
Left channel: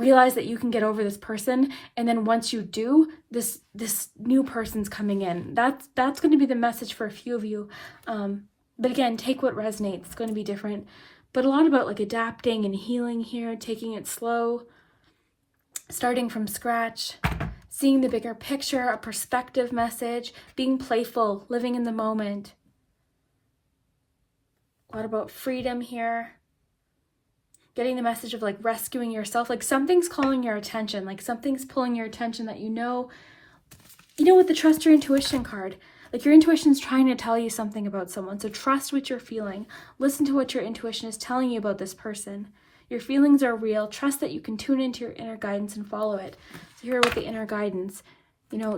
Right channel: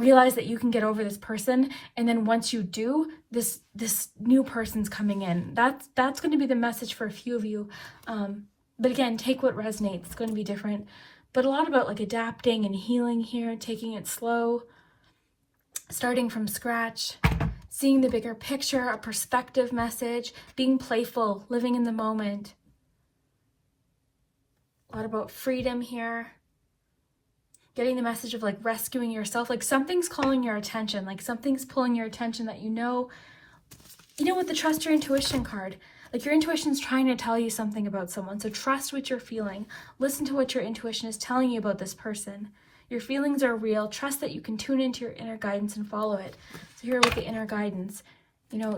realize that you can get over this person, and then once you do, this new person's coming in. That's going to be the message for a few of you. But again, take what resonates. It's going to be different. But a lot about like adapting and healing here, taking it slow, starting from scratch, seeing the bigger picture, a perspective message, being playful, living in the moment. A lot about freedom here. getting the message of like rescuing yourself, like something's calling your attention, like something's pulling your attention that you know with the trust your intuition card, like your intuition's trying to tell you something about someone. So trust what you're feeling. Listen to what your intuition is telling you about this person. Your feelings are real. Trust that you can tune into your inner guidance and follow it. So here with the inner guidance,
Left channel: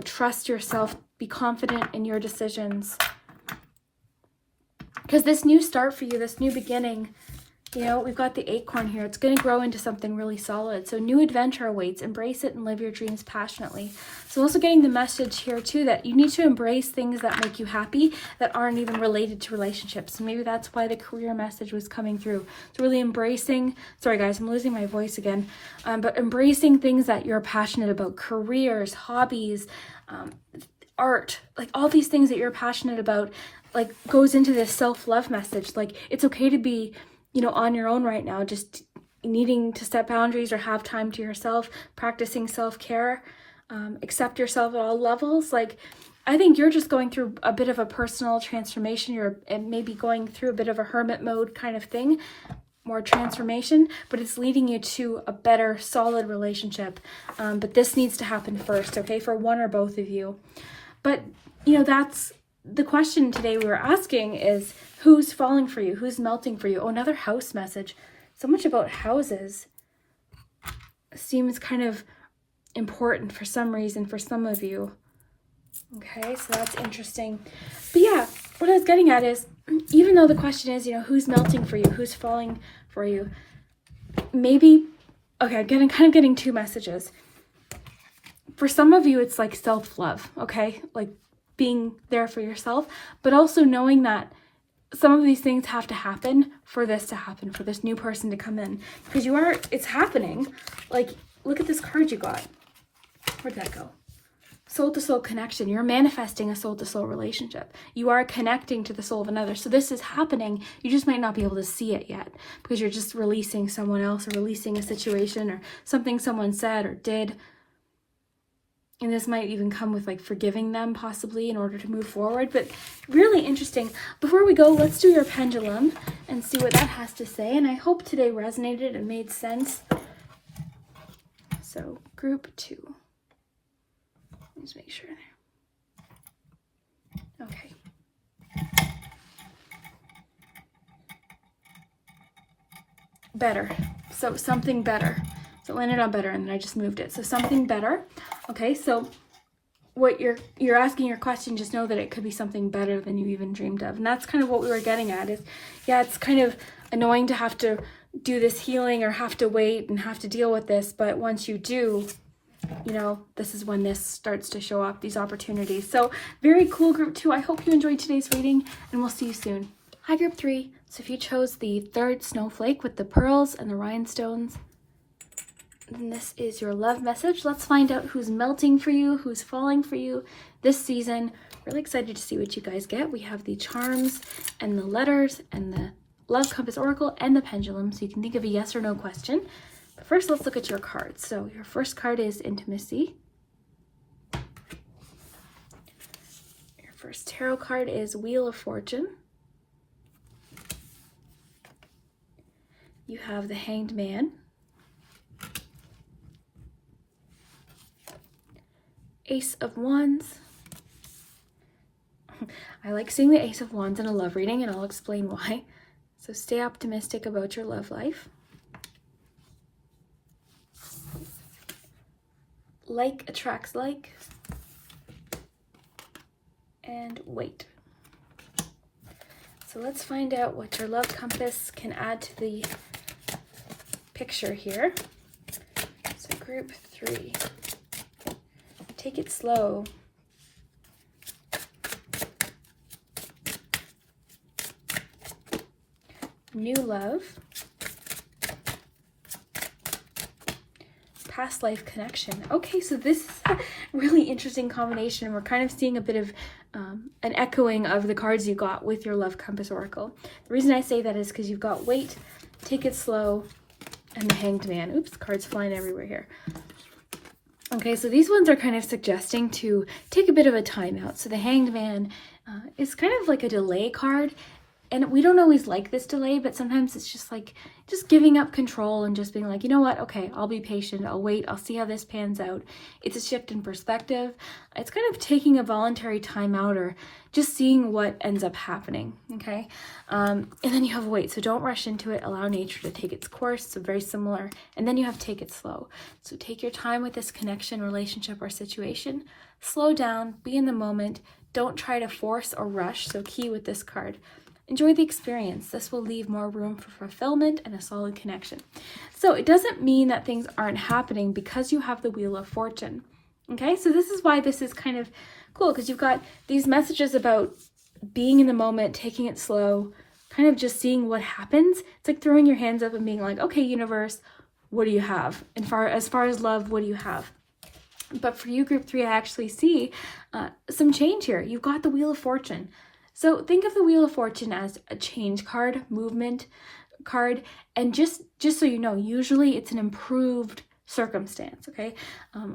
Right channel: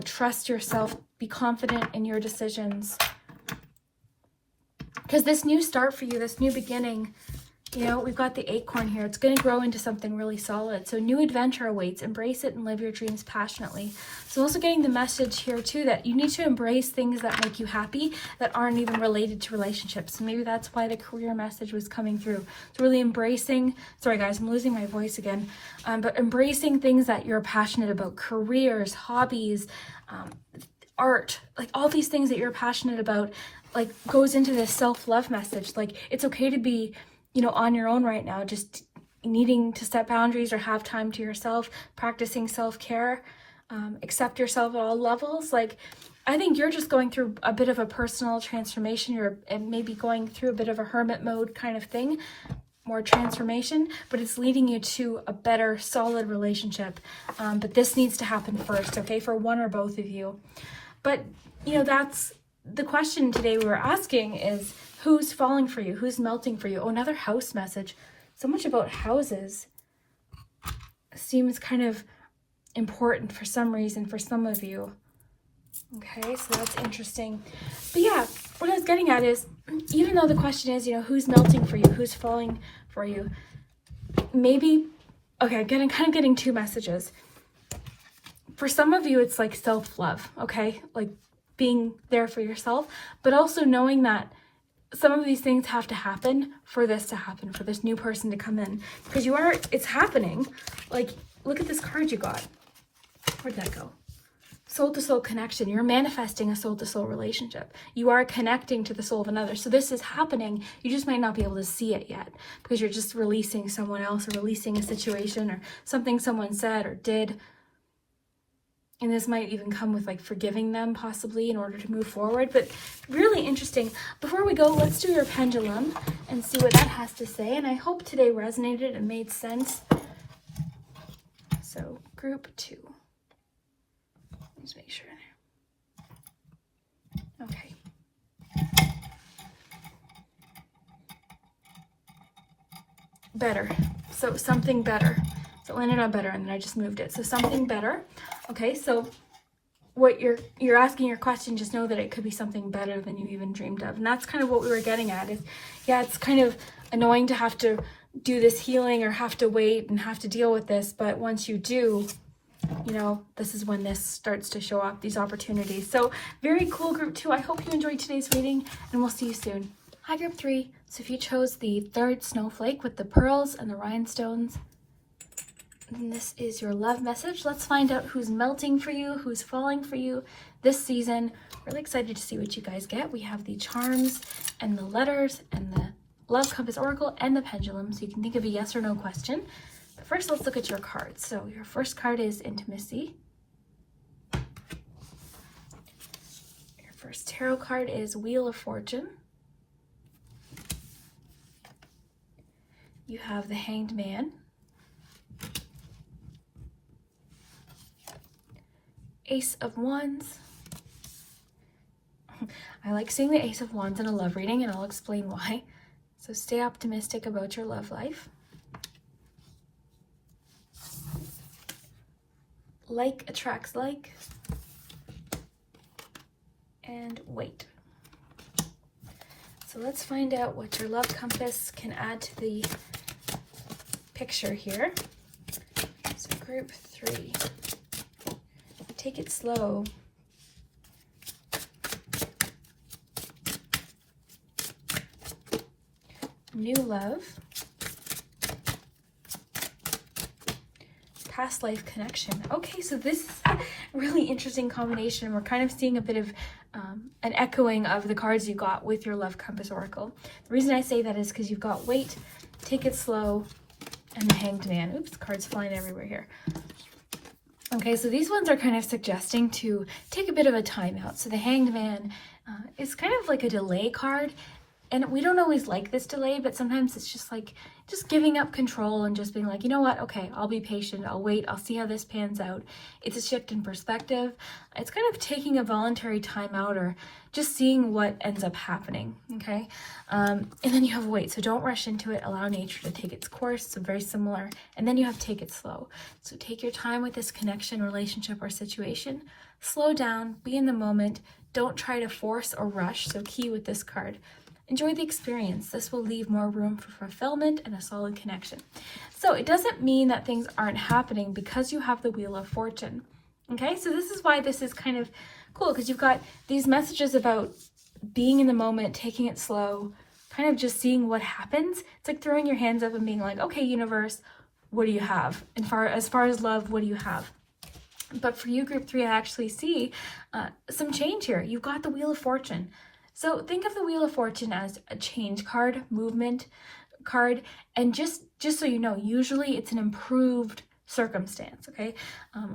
trust yourself, be confident in your decisions. Because this new start for you, this new beginning, we've got the acorn here. It's going to grow into something really solid. So new adventure awaits. Embrace it and live your dreams passionately. So also getting the message here too that you need to embrace things that make you happy that aren't even related to relationships. So maybe that's why the career message was coming through. So really embracing, sorry guys, I'm losing my voice again, but embracing things that you're passionate about, careers, hobbies, art, like all these things that you're passionate about, like goes into this self-love message. Like it's okay to be on your own right now, just needing to set boundaries or have time to yourself, practicing self-care, accept yourself at all levels. Like, I think you're just going through a bit of a personal transformation. You're maybe going through a bit of a hermit mode kind of thing, more transformation, but it's leading you to a better, solid relationship. But this needs to happen first, okay, for one or both of you. But, that's the question today we were asking is, who's falling for you? Who's melting for you? Oh, another house message. So much about houses seems kind of important for some reason for some of you. Okay, so that's interesting. But yeah, what I was getting at is, even though the question is, who's melting for you? Who's falling for you? Maybe, okay, I'm kind of getting two messages. For some of you, it's like self-love, okay? Like being there for yourself, but also knowing that some of these things have to happen for this to happen, for this new person to come in. Because it's happening. Like, look at this card you got. Where'd that go? Soul-to-soul connection. You're manifesting a soul-to-soul relationship. You are connecting to the soul of another. So this is happening. You just might not be able to see it yet because you're just releasing someone else or releasing a situation or something someone said or did. And this might even come with like forgiving them possibly in order to move forward. But really interesting. Before we go, let's do your pendulum and see what that has to say. And I hope today resonated and made sense. So group 2. Let's make sure. Okay. Better. So something better. So it landed on better and then I just moved it. So something better. Okay, so what you're asking your question, just know that it could be something better than you even dreamed of. And that's kind of what we were getting at is, yeah, it's kind of annoying to have to do this healing or have to wait and have to deal with this. But once you do, this is when this starts to show up, these opportunities. So very cool, group 2. I hope you enjoyed today's reading and we'll see you soon. Hi, group 3. So if you chose the 3rd snowflake with the pearls and the rhinestones, and this is your love message. Let's find out who's melting for you, who's falling for you this season. Really excited to see what you guys get. We have the charms and the letters and the love compass oracle and the pendulum. So you can think of a yes or no question. But first, let's look at your cards. So your first card is intimacy. Your first tarot card is Wheel of Fortune. You have the Hanged Man. Ace of Wands. I like seeing the Ace of Wands in a love reading, and I'll explain why. So stay optimistic about your love life. Like attracts like. And wait. So let's find out what your love compass can add to the picture here. So group 3. Take it slow. New love. Past life connection. Okay, so this is a really interesting combination. We're kind of seeing a bit of an echoing of the cards you got with your love compass oracle. The reason I say that is because you've got wait, take it slow, and the Hanged Man. Oops, cards flying everywhere here. Okay, so these ones are kind of suggesting to take a bit of a time out. So the Hanged Man is kind of like a delay card. And we don't always like this delay, but sometimes it's just like, just giving up control and just being like, you know what? Okay, I'll be patient. I'll wait. I'll see how this pans out. It's a shift in perspective. It's kind of taking a voluntary time out or just seeing what ends up happening. Okay. And then you have wait. So don't rush into it. Allow nature to take its course. So very similar. And then you have take it slow. So take your time with this connection, relationship, or situation. Slow down. Be in the moment. Don't try to force or rush. So key with this card. Enjoy the experience. This will leave more room for fulfillment and a solid connection. So it doesn't mean that things aren't happening because you have the Wheel of Fortune. Okay, so this is why this is kind of cool, because you've got these messages about being in the moment, taking it slow, kind of just seeing what happens. It's like throwing your hands up and being like, okay, universe, what do you have? And as far as love, what do you have? But for you, group 3, I actually see some change here. You've got the Wheel of Fortune. So think of the Wheel of Fortune as a change card, movement card, and just so you know, usually it's an improved circumstance, okay?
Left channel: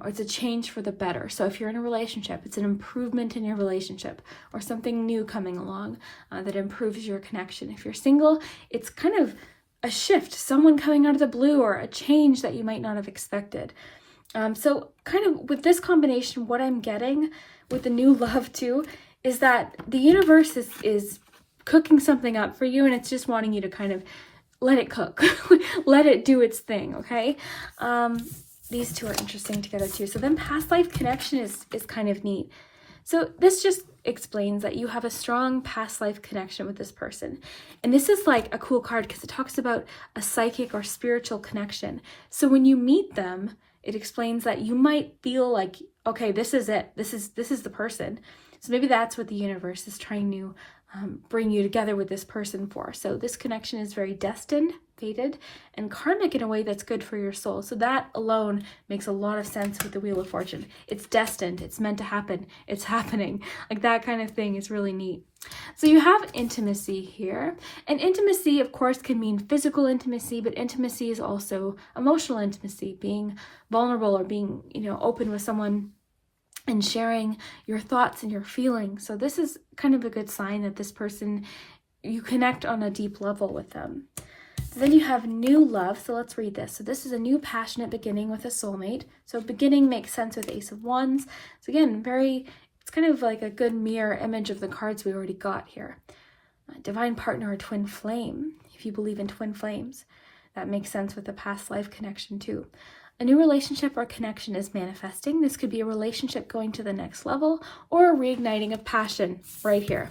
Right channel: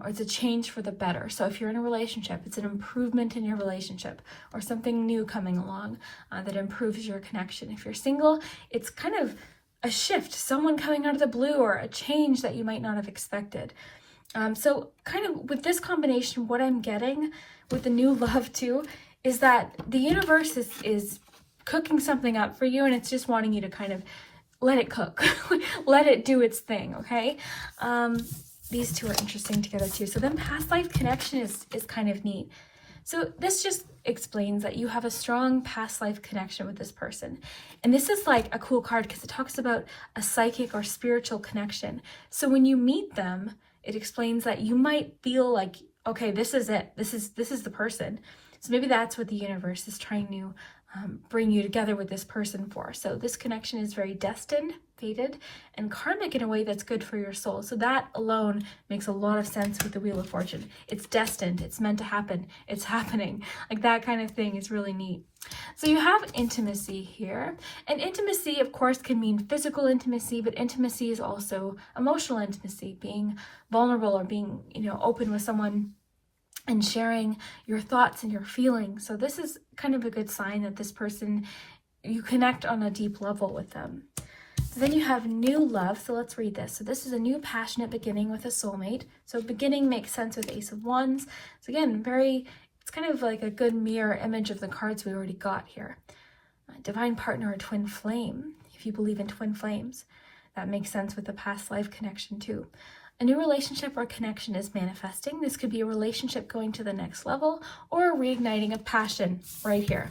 Or it's a change for the better. So if you're in a relationship, it's an improvement in your relationship or something new coming along that improves your connection. If you're single, it's kind of a shift, someone coming out of the blue or a change that you might not have expected. So kind of with this combination, what I'm getting with the new love too is that the universe is cooking something up for you, and it's just wanting you to kind of let it cook, let it do its thing, okay? These two are interesting together too. So then past life connection is kind of neat. So this just explains that you have a strong past life connection with this person. And this is like a cool card because it talks about a psychic or spiritual connection. So when you meet them, it explains that you might feel like, okay, this is it. This is the person. So maybe that's what the universe is trying to bring you together with this person for. So this connection is very destined, fated, and karmic in a way that's good for your soul. So that alone makes a lot of sense with the Wheel of Fortune. It's destined. It's meant to happen. It's happening. Like that kind of thing is really neat. So you have intimacy here. And intimacy, of course, can mean physical intimacy, but intimacy is also emotional intimacy, being vulnerable or being, open with someone and sharing your thoughts and your feelings. So this is kind of a good sign that this person, you connect on a deep level with them. So then you have new love. So let's read this. So this is a new passionate beginning with a soulmate. So beginning makes sense with Ace of Wands. So again, it's kind of like a good mirror image of the cards we already got here. Divine partner or twin flame, if you believe in twin flames. That makes sense with the past life connection too. A new relationship or connection is manifesting. This could be a relationship going to the next level or a reigniting of passion right here.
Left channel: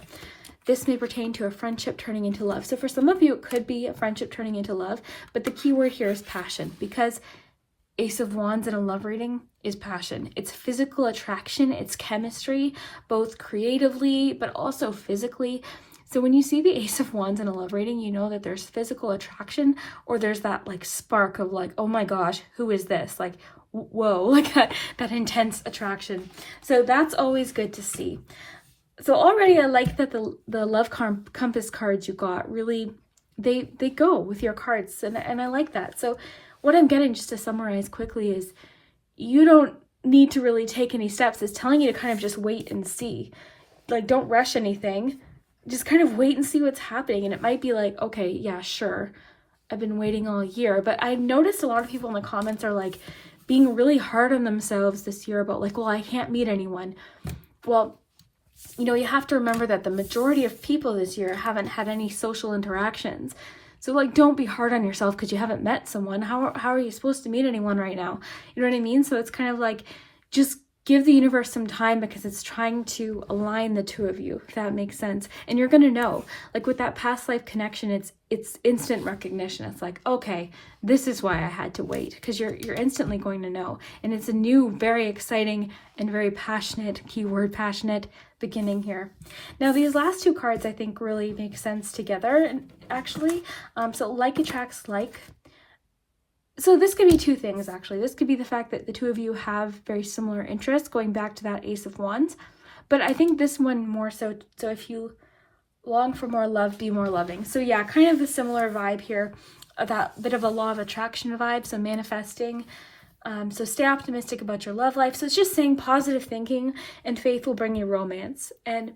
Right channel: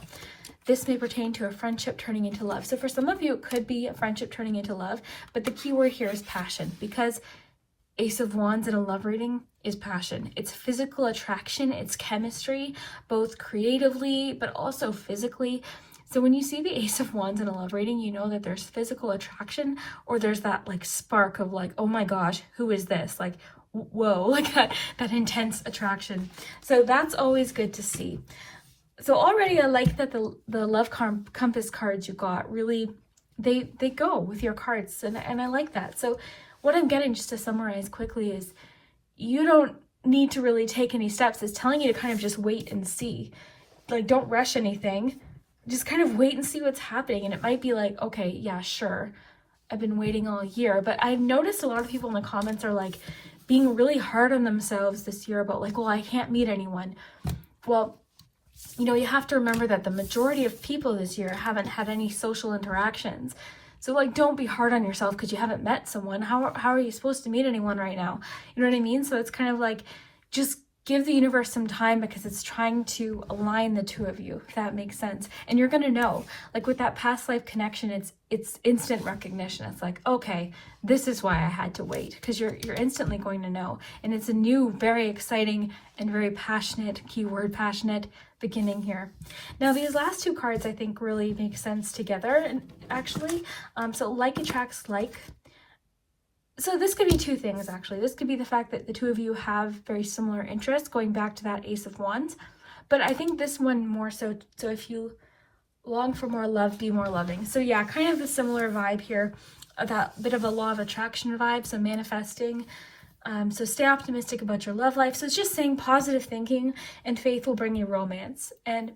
This may pertain to a friendship turning into love. So for some of you, it could be a friendship turning into love, but the key word here is passion, because Ace of Wands in a love reading is passion. It's physical attraction, it's chemistry, both creatively, but also physically. So when you see the Ace of Wands in a love reading, you know that there's physical attraction, or there's that like spark of like, oh my gosh, who is this? Like, whoa, like that intense attraction. So that's always good to see. So already I like that the love compass cards you got really, they go with your cards, and I like that. So what I'm getting, just to summarize quickly, is you don't need to really take any steps. It's telling you to kind of just wait and see. Like, don't rush anything. Just kind of wait and see what's happening. And it might be like, okay, yeah, sure, I've been waiting all year. But I've noticed a lot of people in the comments are like being really hard on themselves this year about like, well, I can't meet anyone. Well, you have to remember that the majority of people this year haven't had any social interactions. So like, don't be hard on yourself because you haven't met someone. How are you supposed to meet anyone right now? You know what I mean? So it's kind of like, just give the universe some time, because it's trying to align the two of you, if that makes sense. And you're going to know, like with that past life connection, it's instant recognition. It's like, okay, this is why I had to wait, because you're instantly going to know. And it's a new, very exciting and very passionate, keyword passionate, beginning here. Now these last two cards I think really make sense together, actually. So like attracts like. So this could be two things, actually. This could be the fact that the two of you have very similar interests, going back to that Ace of Wands. But I think this one more so if you long for more love, be more loving. So yeah, kind of a similar vibe here, that bit of a law of attraction vibe, so manifesting. So stay optimistic about your love life. So it's just saying positive thinking and faith will bring you romance. And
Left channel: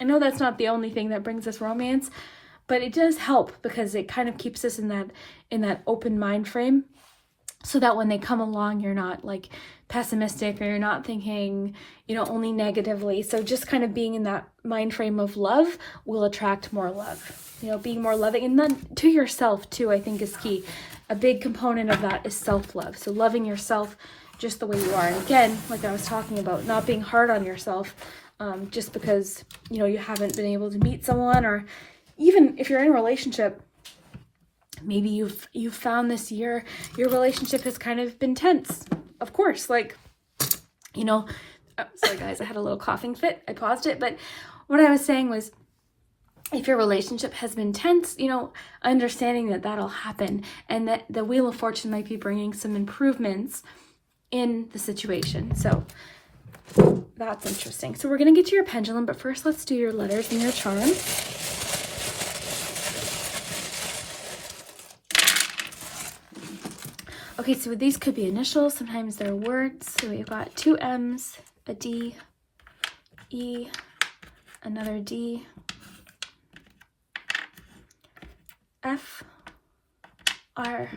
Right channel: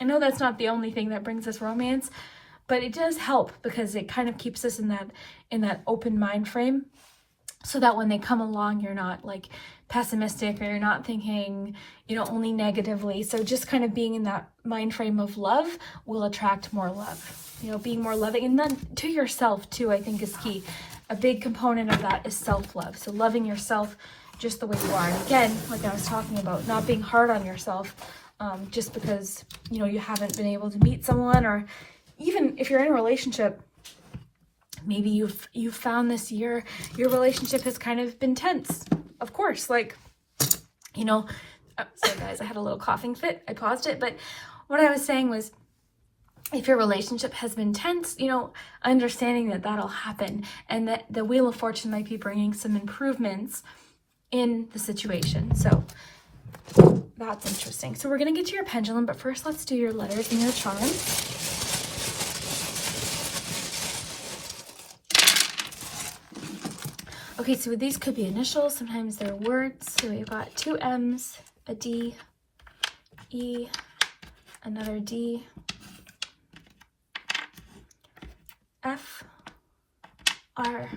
I know that's not the only thing that brings us romance, but it does help because it kind of keeps us in that open mind frame, so that when they come along, you're not like pessimistic, or you're not thinking, only negatively. So just kind of being in that mind frame of love will attract more love. Being more loving, and then to yourself too, I think is key. A big component of that is self-love. So loving yourself just the way you are. And again, like I was talking about, not being hard on yourself just because, you haven't been able to meet someone, or even if you're in a relationship, maybe you've found this year your relationship has kind of been tense. Of course, like, sorry guys, I had a little coughing fit. I paused it. But what I was saying was, if your relationship has been tense, understanding that that'll happen, and that the Wheel of Fortune might be bringing some improvements in the situation. So that's interesting. So we're going to get to your pendulum, but first let's do your letters and your charm. Okay, so these could be initials. Sometimes they're words. So we've got 2 M's, a D, E, another D, F, R,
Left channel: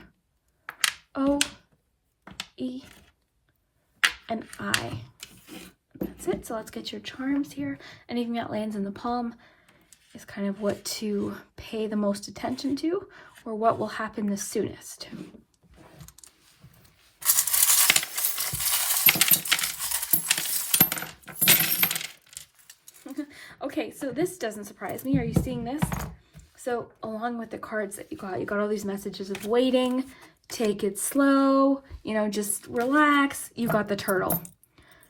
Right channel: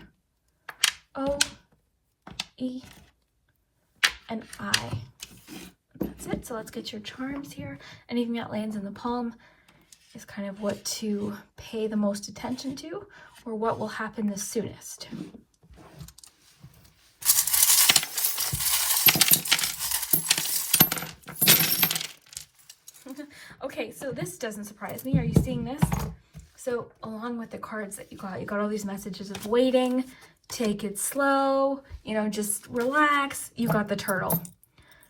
O, E, and I. That's it. So let's get your charms here. Anything that lands in the palm is kind of what to pay the most attention to, or what will happen the soonest. Okay, so this doesn't surprise me. Are you seeing this? So along with the cards that you got all these messages of waiting, take it slow, just relax. You got the turtle.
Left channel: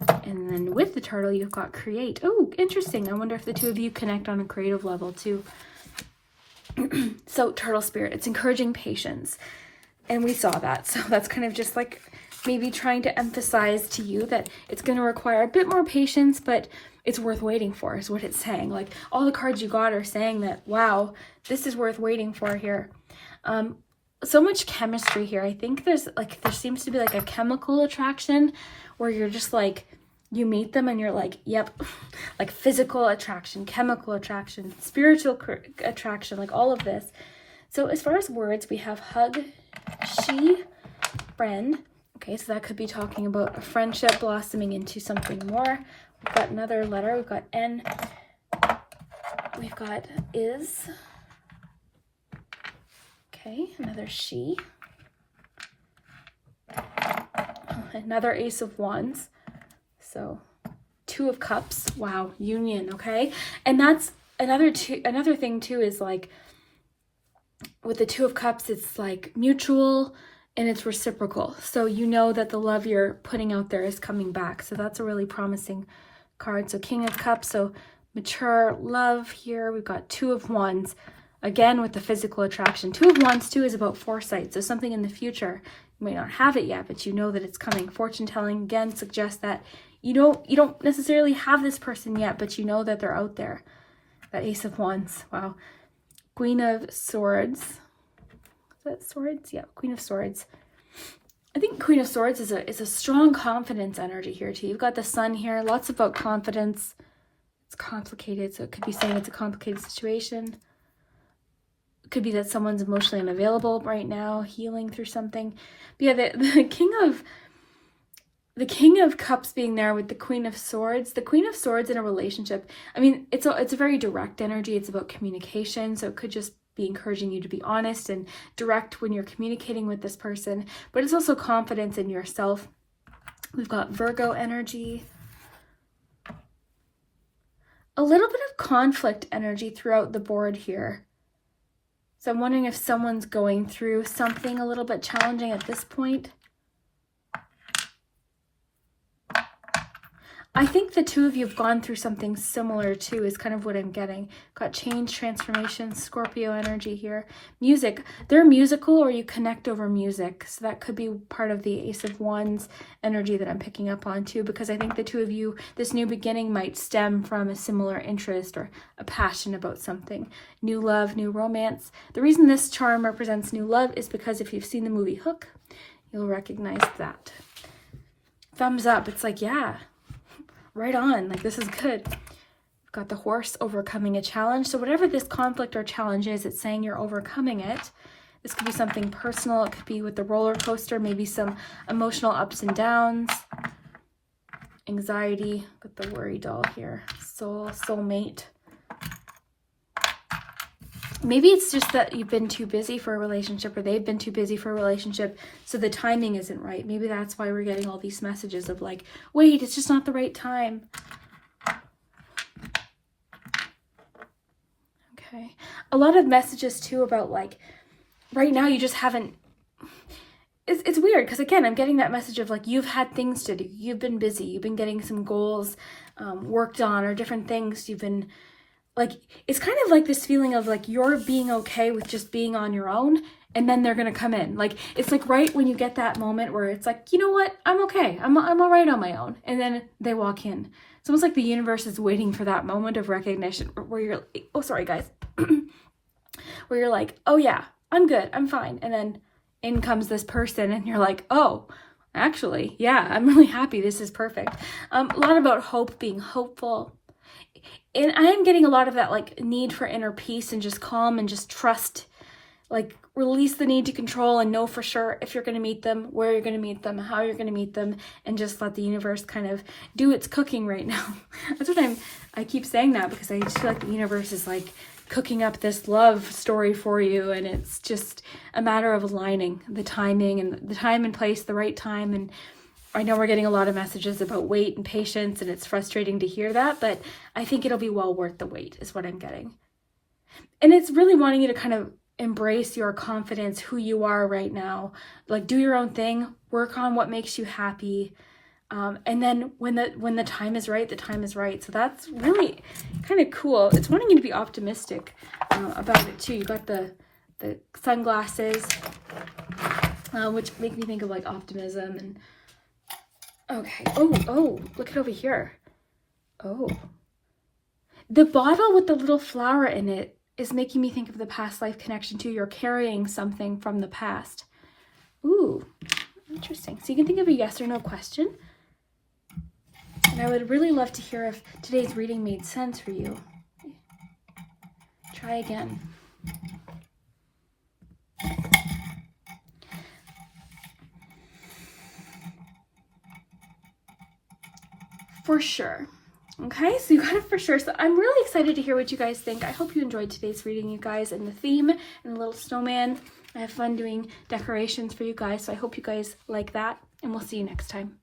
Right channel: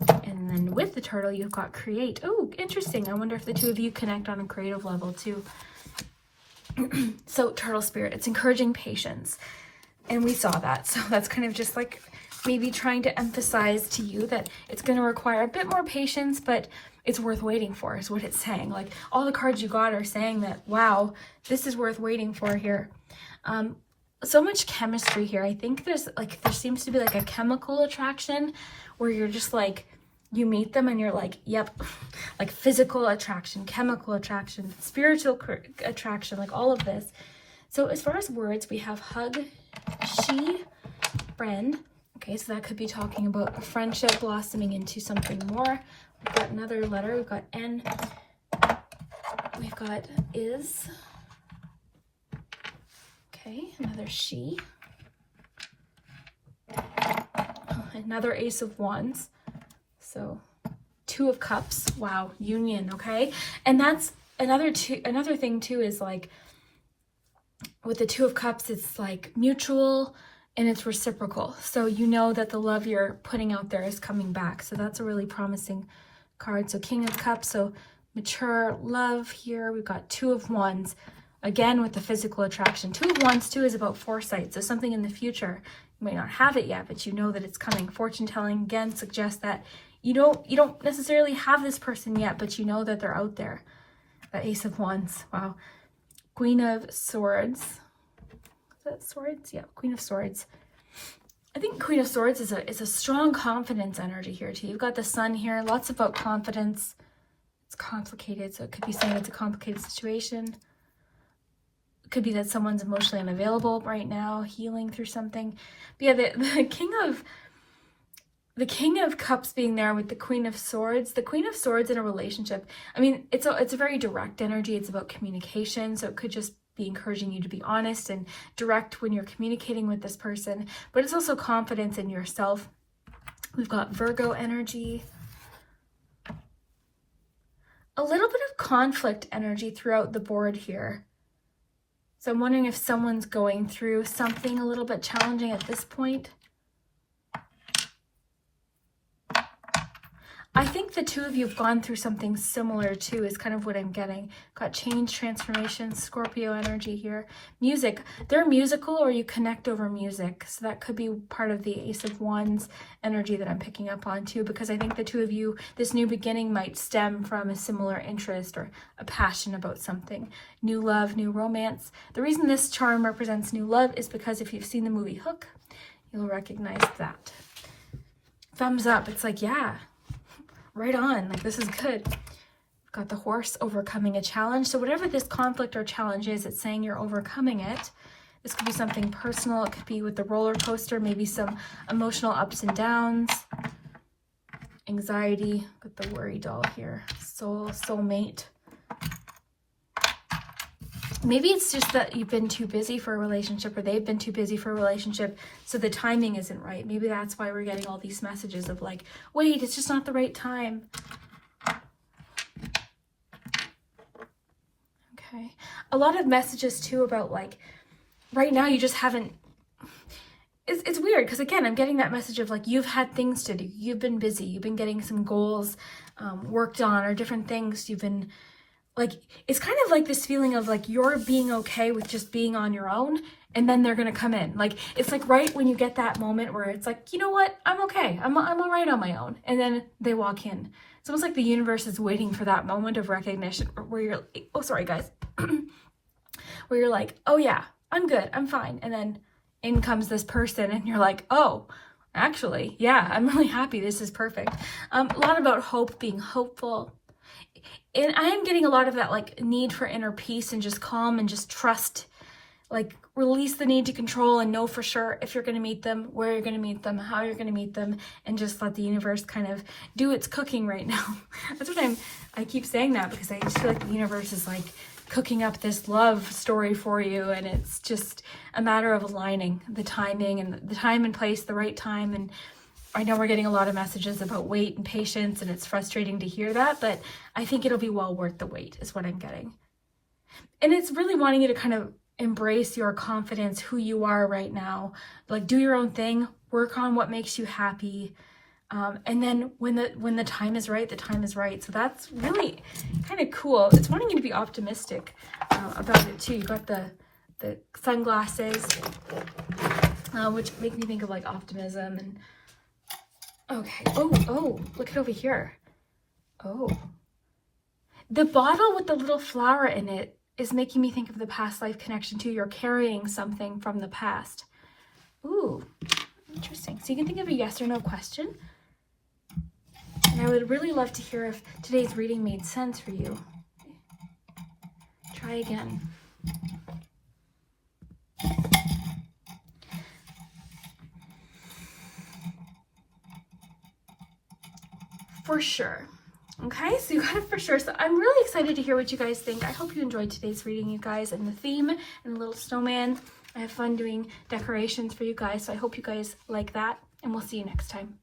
And then with the turtle, you've got create. Oh, interesting. I wonder if the two of you connect on a creative level too. So turtle spirit, it's encouraging patience. And we saw that. So that's kind of just like maybe trying to emphasize to you that it's going to require a bit more patience, but it's worth waiting for, is what it's saying. Like, all the cards you got are saying that, wow, this is worth waiting for here. So much chemistry here. I think there seems to be like a chemical attraction where you're just like, you meet them and you're like, yep, like physical attraction, chemical attraction, spiritual attraction, like all of this. So as far as words, we have hug, she, friend. Okay, so that could be talking about a friendship blossoming into something more. We've got another letter. We've got N. We've got is. Okay, another she. Another Ace of Wands. So 2 of Cups. Wow, union, okay? And that's another thing too, is like with the 2 of Cups, it's like mutual and it's reciprocal. So you know that the love you're putting out there is coming back. So that's a really promising card. So King of Cups, so mature love here. We've got 2 of Wands, again with the physical attraction. 2 of Wands too is about foresight, so something in the future. You may not have it yet, but you know that it's coming. Fortune telling again suggests that you don't necessarily have this person yet, but you know that they're out there. That Ace of Wands, wow. Queen of Swords. Is that Swords? Yeah, Queen of Swords. I think Queen of Swords is a strong confidence energy here too. You've got the Sun here, lots about confidence. It's complicated, so it could be saying it's a complicated situation. It could be that someone's emotionally unavailable right now, healing through something. But yeah, the King of Cups being there with the Queen of Swords. The Queen of Swords in a relationship, I mean, it's a very direct energy. It's about communication, so it could just be encouraging you to be honest and direct when you're communicating with this person, but it's also confidence in yourself. We've got Virgo energy. A little bit of conflict energy throughout the board here. So I'm wondering if someone's going through something a little bit challenging at this point. I think the 2 of you have gone through something similar too, is kind of what I'm getting. Got change, transformation, Scorpio energy here. Music. They're musical, or you connect over music. So that could be part of the Ace of Wands energy that I'm picking up on too, because I think the 2 of you, this new beginning might stem from a similar interest or a passion about something. New love, new romance. The reason this charm represents new love is because if you've seen the movie Hook, you'll recognize that. Thumbs up. It's like, yeah. Right on, like this is good. got the horse overcoming a challenge. So whatever this conflict or challenge is, it's saying you're overcoming it. This could be something personal. It could be with the roller coaster, maybe some emotional ups and downs. Anxiety with the worry doll here. Soul, soulmate. Maybe it's just that you've been too busy for a relationship, or they've been too busy for a relationship, so the timing isn't right. Maybe that's why we're getting all these messages of like, wait, it's just not the right time. Okay. A lot of messages too about like, right now you just haven't, it's weird because again, I'm getting that message of like, you've had things to do. You've been busy. You've been getting some goals worked on, or different things you've been, like, it's kind of like this feeling of like you're being okay with just being on your own, and then they're gonna come in. Like, it's like right when you get that moment where it's like, you know what, I'm okay, I'm all right on my own, and then they walk in. It's almost like the universe is waiting for that moment of recognition where you're, oh sorry guys, where you're like, oh yeah, I'm good, I'm fine, and then in comes this person, and you're like, oh, actually, yeah, I'm really happy, this is perfect. A lot about hope, being hopeful. And I am getting a lot of that like need for inner peace and just calm and just trust, like release the need to control and know for sure if you're going to meet them, where you're going to meet them, how you're going to meet them, and just let the universe kind of do its cooking right now. That's what I keep saying that because I just feel like the universe is like cooking up this love story for you, and it's just a matter of aligning the timing and the time and place, the right time. And I know we're getting a lot of messages about wait and patience, and it's frustrating to hear that, but I think it'll be well worth the wait is what I'm getting. And it's really wanting you to kind of embrace your confidence, who you are right now. Like, do your own thing, work on what makes you happy. And then when the time is right, the time is right. So that's really kind of cool. It's wanting you to be optimistic about it too. You got the sunglasses, which make me think of like optimism. And okay. Oh, look at over here. Oh. The bottle with the little flower in it is making me think of the past life connection too. You're carrying something from the past. Ooh, interesting. So you can think of a yes or no question. And I would really love to hear if today's reading made sense for you. Try again. For sure. Okay, so you got it for sure. So I'm really excited to hear what you guys think. I hope you enjoyed today's reading, you guys, and the theme and the little snowman. I have fun doing decorations for you guys, so I hope you guys like that, and we'll see you next time.